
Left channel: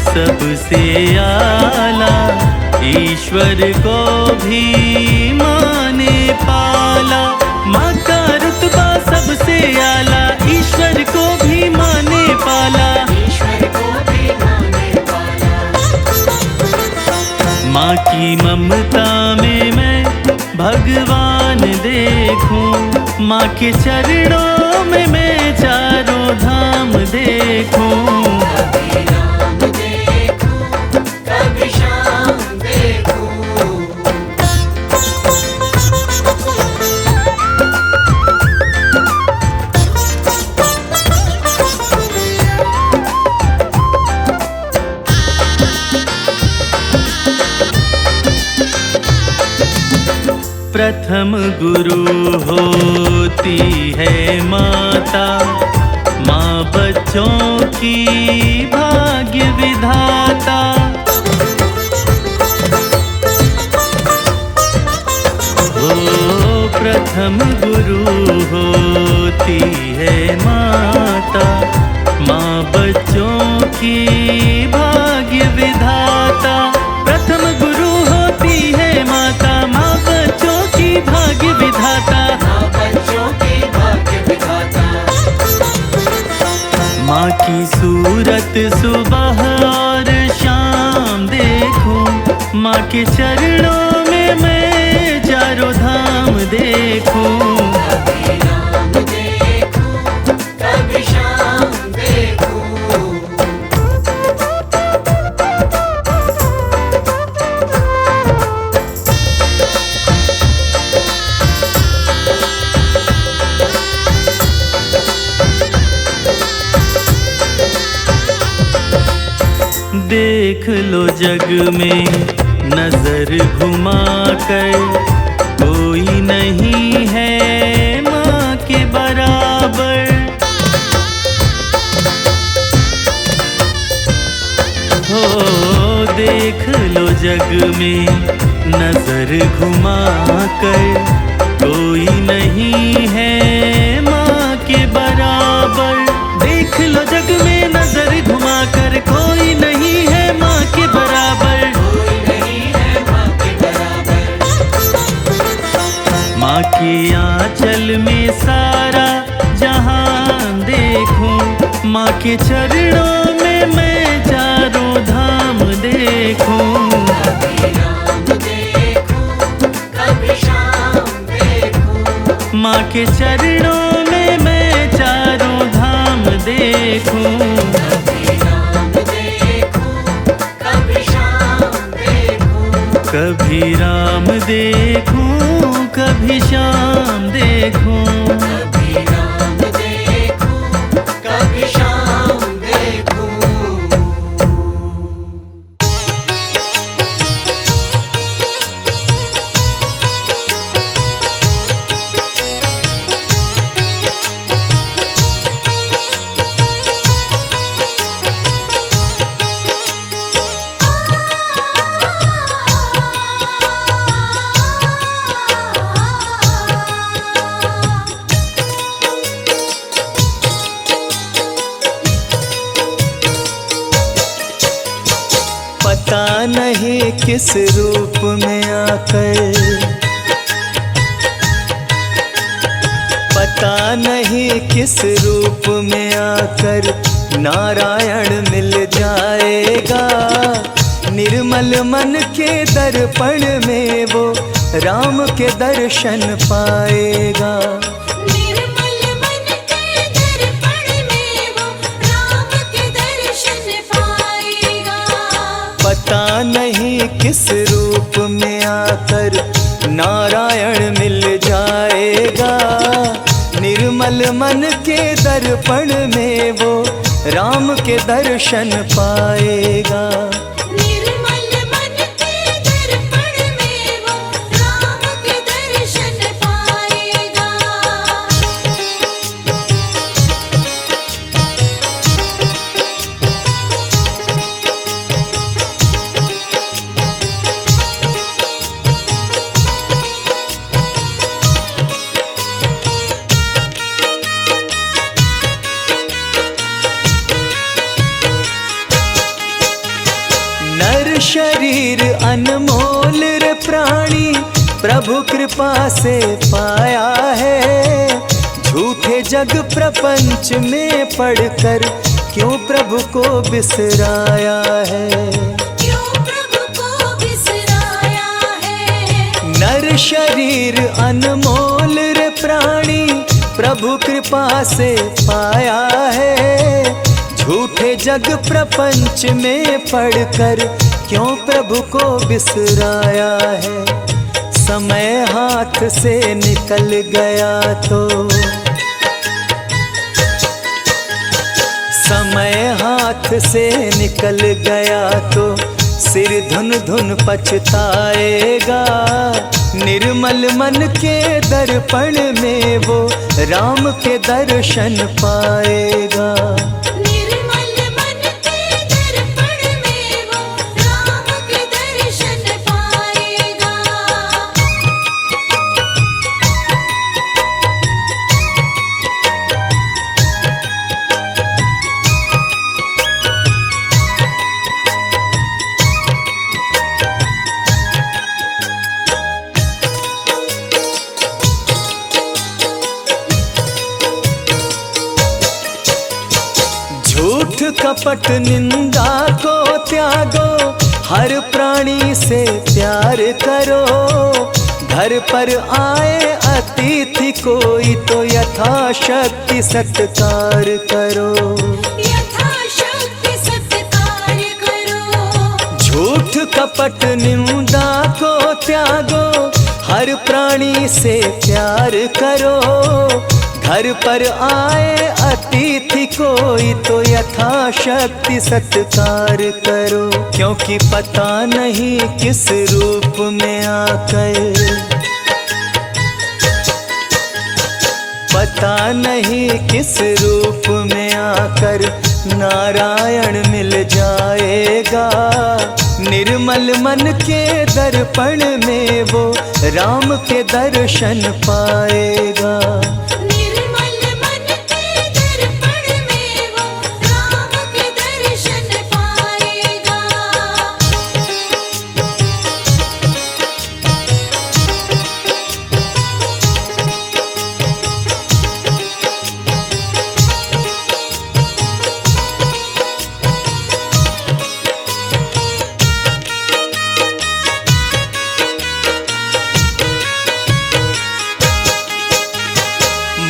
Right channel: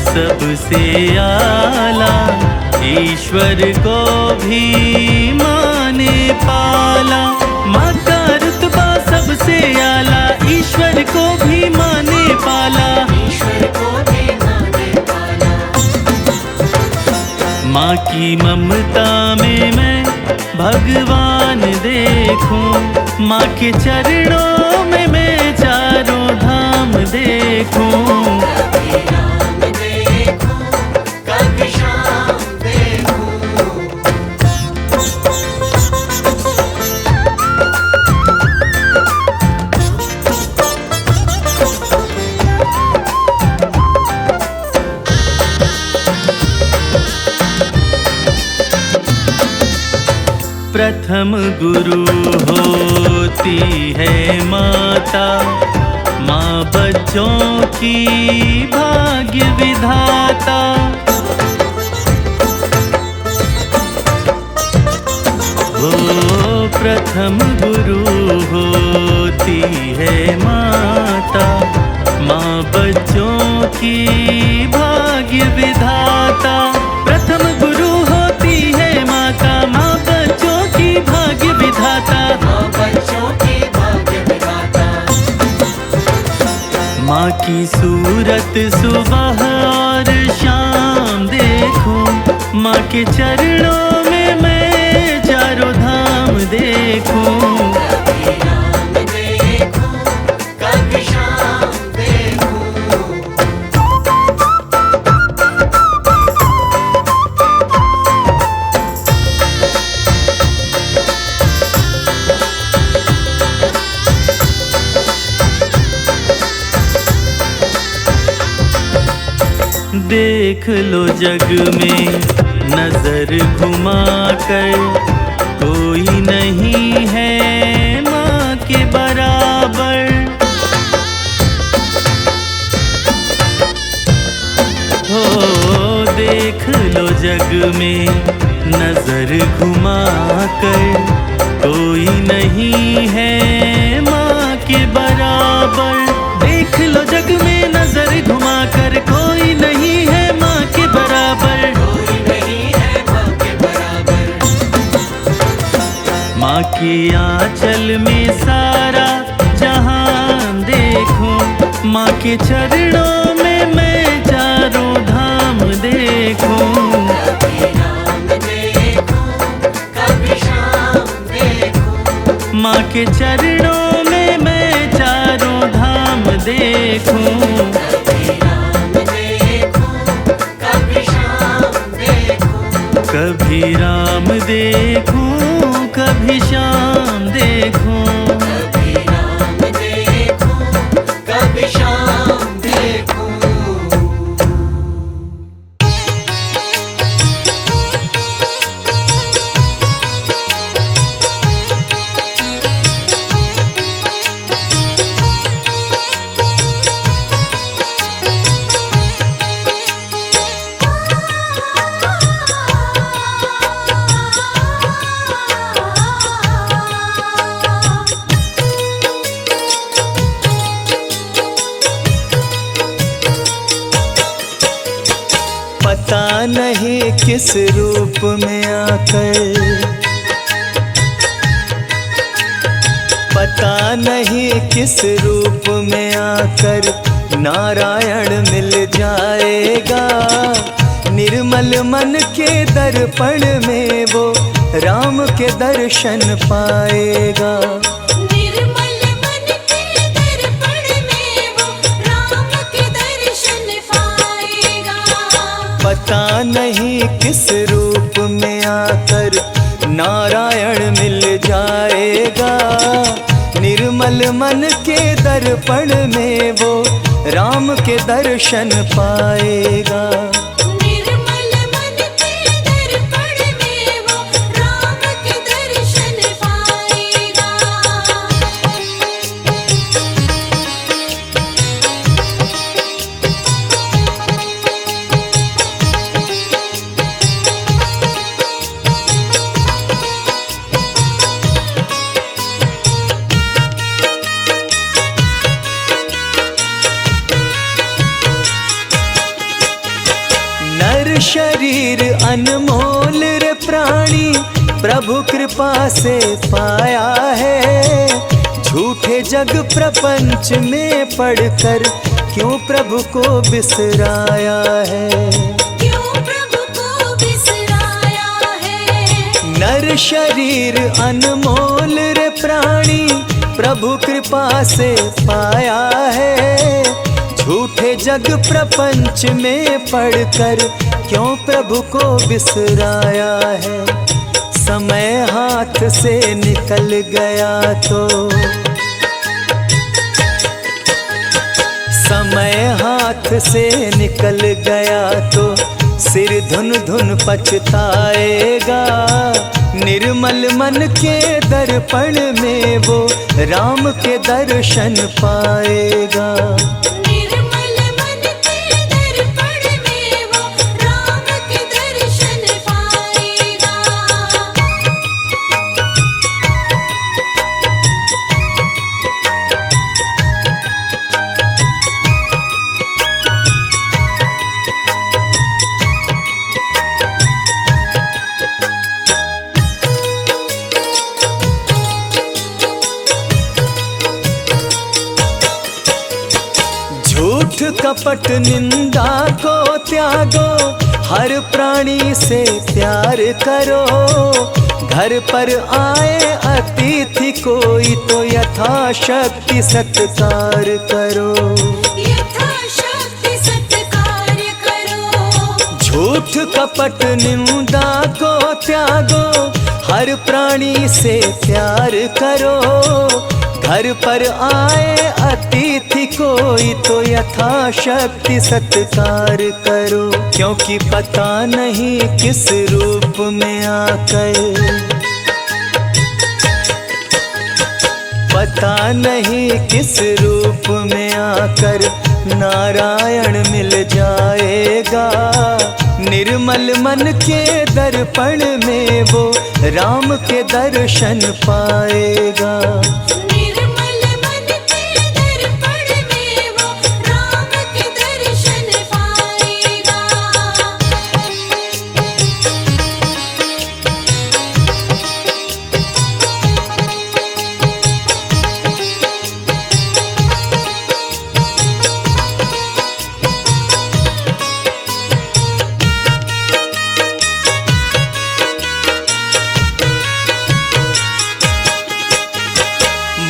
सबसे आला, ईश्वर को भी माँ ने पाला। माँ का रुतबा सबसे आला, ईश्वर को भी माँ ने पाला। माँ की ममता में मैं भगवान देखूं, माँ के चरणों में मैं चारों धाम देखूं। प्रथम गुरु होती है माता, माँ बच्चों की भाग्य विधाता। हो प्रथम गुरु होती है माता, माँ बच्चों की भाग्य विधाता। प्रथम गुरु होती है माता, माँ बच्चों की भाग्य विधाता। माँ की सूरत सुबह और शाम देखूं, माँ के चरणों में मैं चारों धाम देखूं। देख लो जग में नजर घुमा कर, कोई नहीं है माँ के बराबर। हो देख लो जग में नजर घुमा कर, कोई नहीं है माँ के बराबर। देख लो जग में नजर घुमा कर, कोई नहीं है माँ के बराबर। माँ के आंचल में सारा जहान देखूं, माँ के चरणों में मैं चारों धाम देखूं। माँ के चरणों में मैं चारों धाम देखूं। कभी राम देखूं कभी श्याम देखूं। पता नहीं किस रूप में आकर, पता नहीं किस रूप में आकर नारायण मिल जाएगा। निर्मल मन के दर्पण में वो राम के दर्शन पाएगा। निर्मल मन के दर्पण में वो राम के दर्शन पाएगा। पता नहीं किस रूप में आकर नारायण मिल जाएगा। निर्मल मन के दर्पण में वो राम के दर्शन पाएगा। निर्मल मन के दर्पण में वो राम के दर्शन पाएगा। नर शरीर अनमोल रे प्राणी प्रभु कृपा से पाया है। झूठे जग प्रपंच में पड़कर क्यों प्रभु को बिसराया है। क्यों प्रभु को बिसराया है। नर शरीर अनमोल रे प्राणी प्रभु कृपा से पाया है। झूठे जग प्रपंच में पड़कर क्यों प्रभु को बिसराया है। समय हाथ से निकल गया तो, समय हाथ से निकल गया तो सिर धुन धुन पछताएगा। निर्मल मन के दर्पण में वो राम के दर्शन पाएगा। निर्मल मन के दर्पण में वो राम के दर्शन पाएगा। झूठ कपट निंदा को त्यागो, हर प्राणी से प्यार करो। घर पर आए अतिथि कोई तो यथाशक्ति सत्कार करो। यथाशक्ति सत्कार करो। झूठ कपट निंदा को त्यागो, हर प्राणी से प्यार करो। घर पर आए अतिथि कोई तो यथाशक्ति सत्कार करो। क्योंकि पता नहीं किस रूप में आकर, पता नहीं किस रूप में आकर नारायण मिल जाएगा। निर्मल मन के दर्पण में वो राम के दर्शन पाएगा। निर्मल मन के दर्पण में वो राम के दर्शन पाएगा।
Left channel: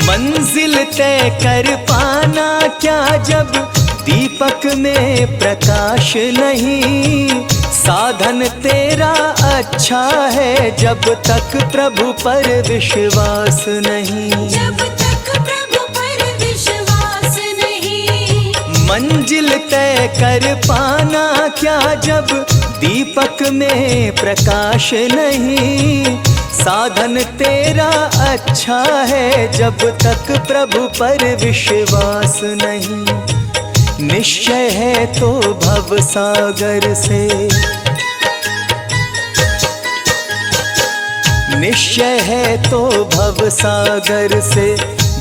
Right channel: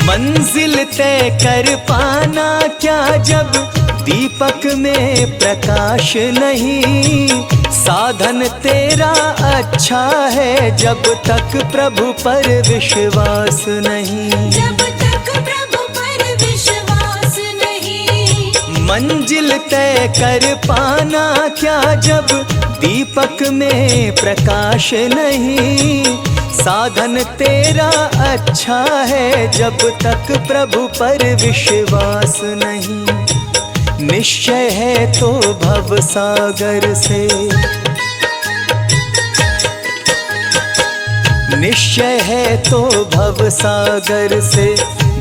मंजिल तय कर पाना क्या जब दीपक में प्रकाश नहीं। साधन तेरा अच्छा है जब तक प्रभु पर विश्वास नहीं। जब तक प्रभु पर विश्वास नहीं। मंजिल तय कर पाना क्या जब दीपक में प्रकाश नहीं। साधन तेरा अच्छा है जब तक प्रभु पर विश्वास नहीं। निश्चय है तो भव सागर से, निश्चय है तो भव सागर से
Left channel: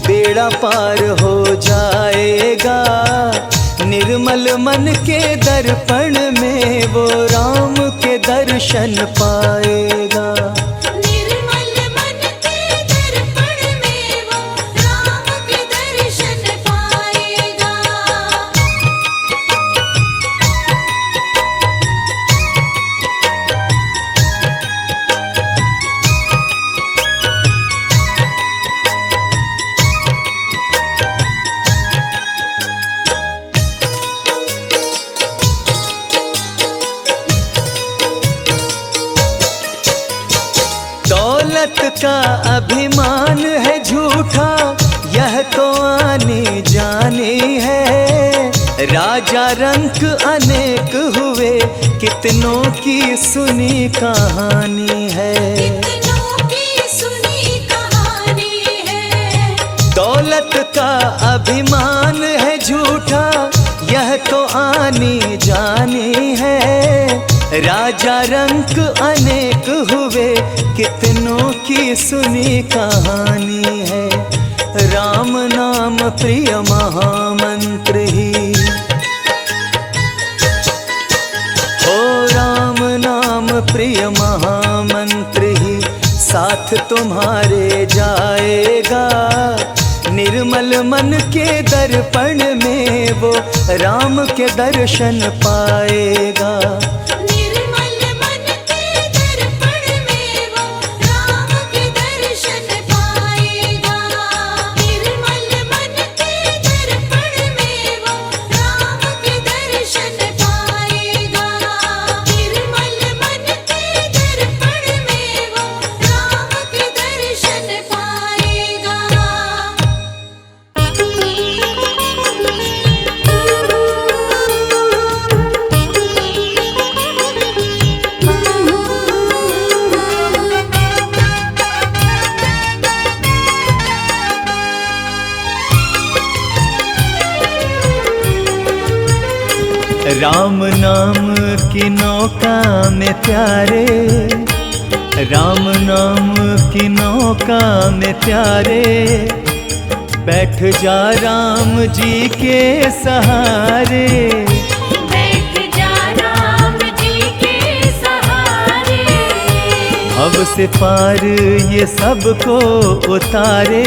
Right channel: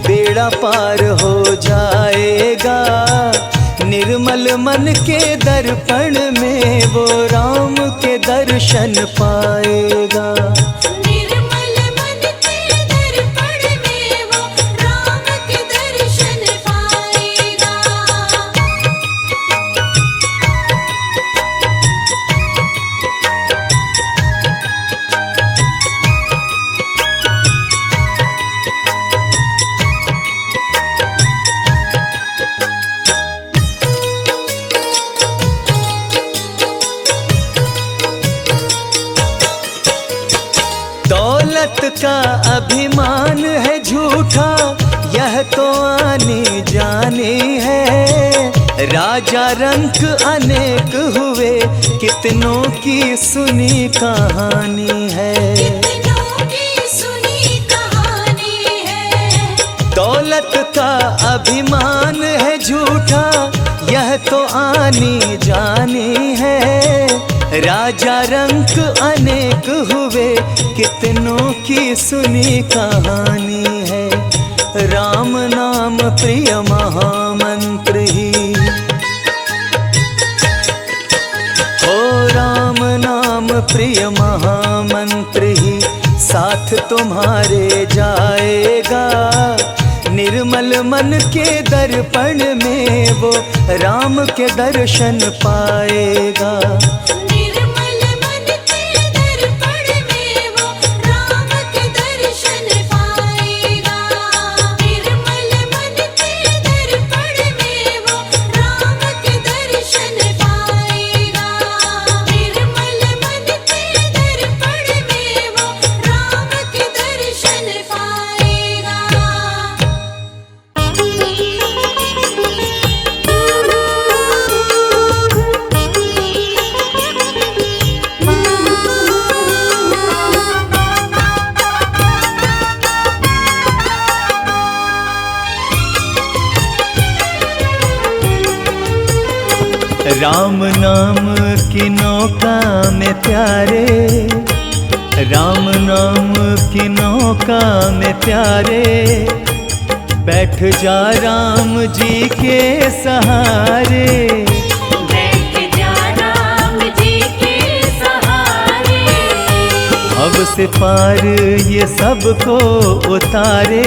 बेड़ा पार हो जाएगा। निर्मल मन के दर्पण में वो दर्शन पाएगा। निर्मल मन के दर्पण में वो राम के दर्शन पाएगा। दौलत का अभिमान है झूठा, यह तो आने जाने है। राजा रंक अनेक हुए, कितनों की सुनी कहानी है। कितनों की सुनी कहानी है। दौलत का अभिमान है झूठा, यह तो आनी जानी है। राजा रंक अनेक हुए, कितनों की सुनी कहानी है। राम नाम प्रिय महामंत्र ही, हो राम नाम प्रिय महामंत्र ही साथ तुम्हारे जाएगा। निर्मल मन के दर्पण में वो राम के दर्शन पाएगा। निर्मल मन के दर्पण में वो राम के दर्शन पाएगा। निर्मल मन के दर्पण में वो राम के दर्शन पाएगा। निर्मल मन के दर्पण में वो राम के दर्शन पाएगा। राम नाम की नौका में प्यारे, राम नाम की नौका में प्यारे। बैठ जा राम जी के सहारे। बैठ जा राम जी के सहारे। भव से पार ये सबको उतारे,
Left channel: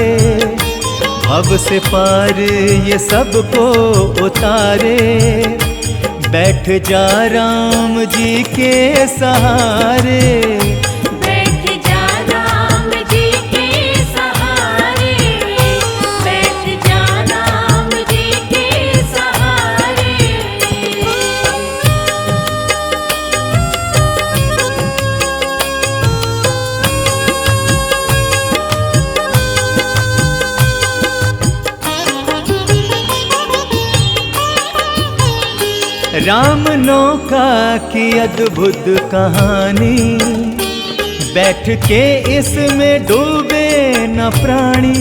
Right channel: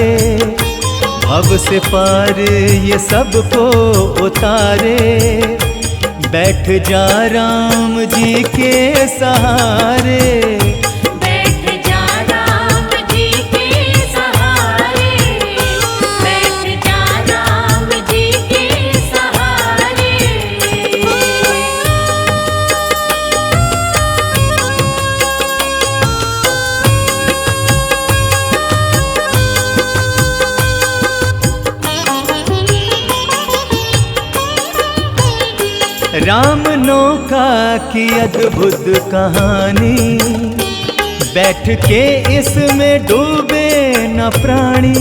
भव से पार ये सबको उतारे। बैठ जा राम जी के सहारे। बैठ जा राम जी के सहारे। बैठ जा राम जी के सहारे। राम नौका की अद्भुत कहानी, बैठ के इसमें डूबे न प्राणी।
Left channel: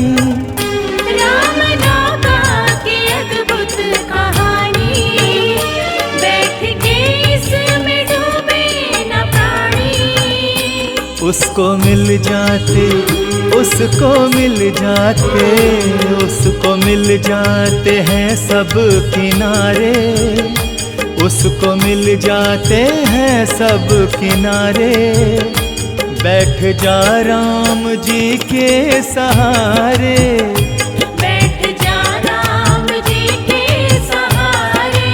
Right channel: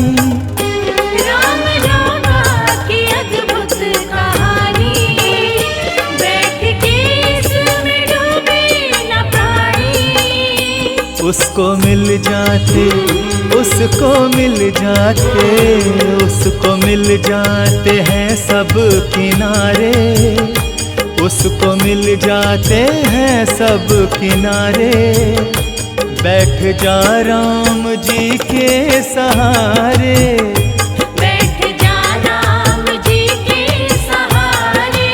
राम नौका की अद्भुत कहानी, बैठ के इसमें डूबे न प्राणी। उसको मिल जाते, उसको मिल जाते, उसको मिल जाते हैं सब किनारे। उसको मिल जाते हैं सब किनारे। बैठ जा राम जी के सहारे। बैठ जा राम जी के सहारे।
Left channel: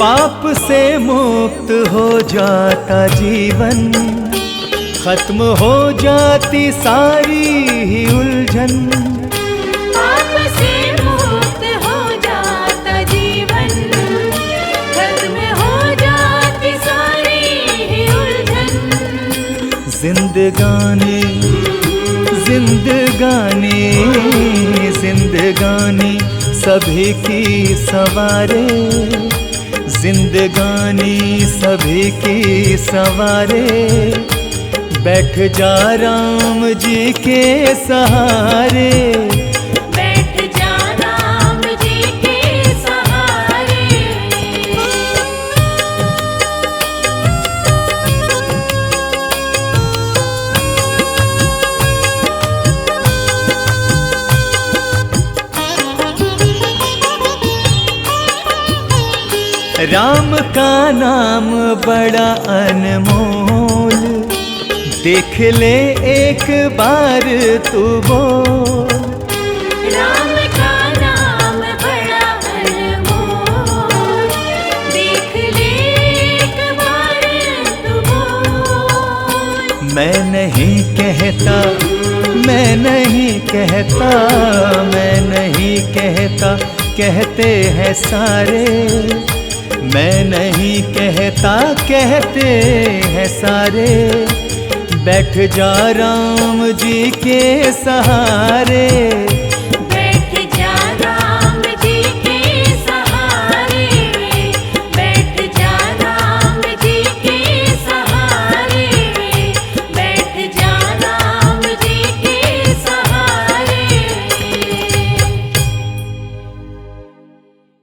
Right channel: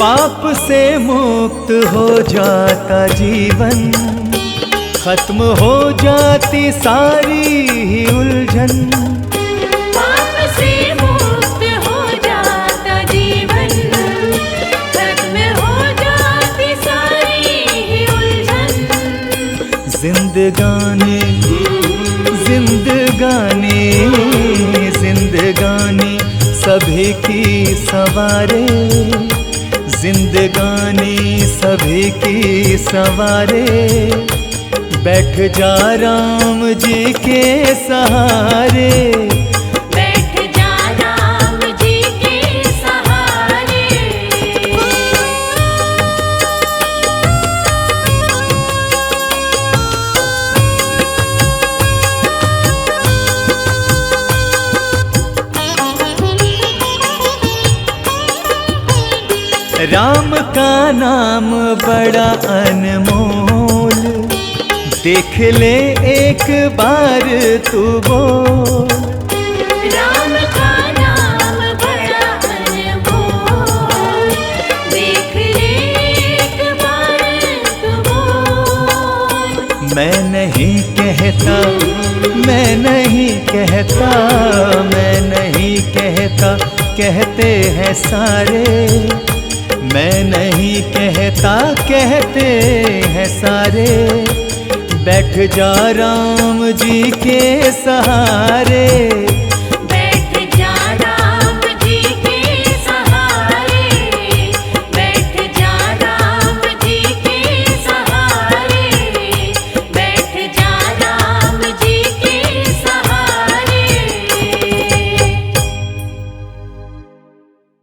पाप से मुक्त हो जाता जीवन, खत्म हो जाती सारी ही उलझन। पाप से मुक्त हो जाता जीवन, खत्म हो जाती सारी ही उलझन। जिंदगानी जिंदगानी जिंदगानी सभी की सवारे। जिंदगानी सभी की सवारे। बैठ जा राम जी के सहारे। बैठ जा राम जी के सहारे। राम का नाम बड़ा अनमोल, देख ले एक बार तू बोल। राम का नाम बड़ा अनमोल, देख ले एक बार तू बोल। मैं नहीं कहता, मैं नहीं कहता, मैं नहीं कहता, कहते हैं सारे। मैं नहीं कहता, कहते हैं सारे। बैठ जा राम जी के सहारे।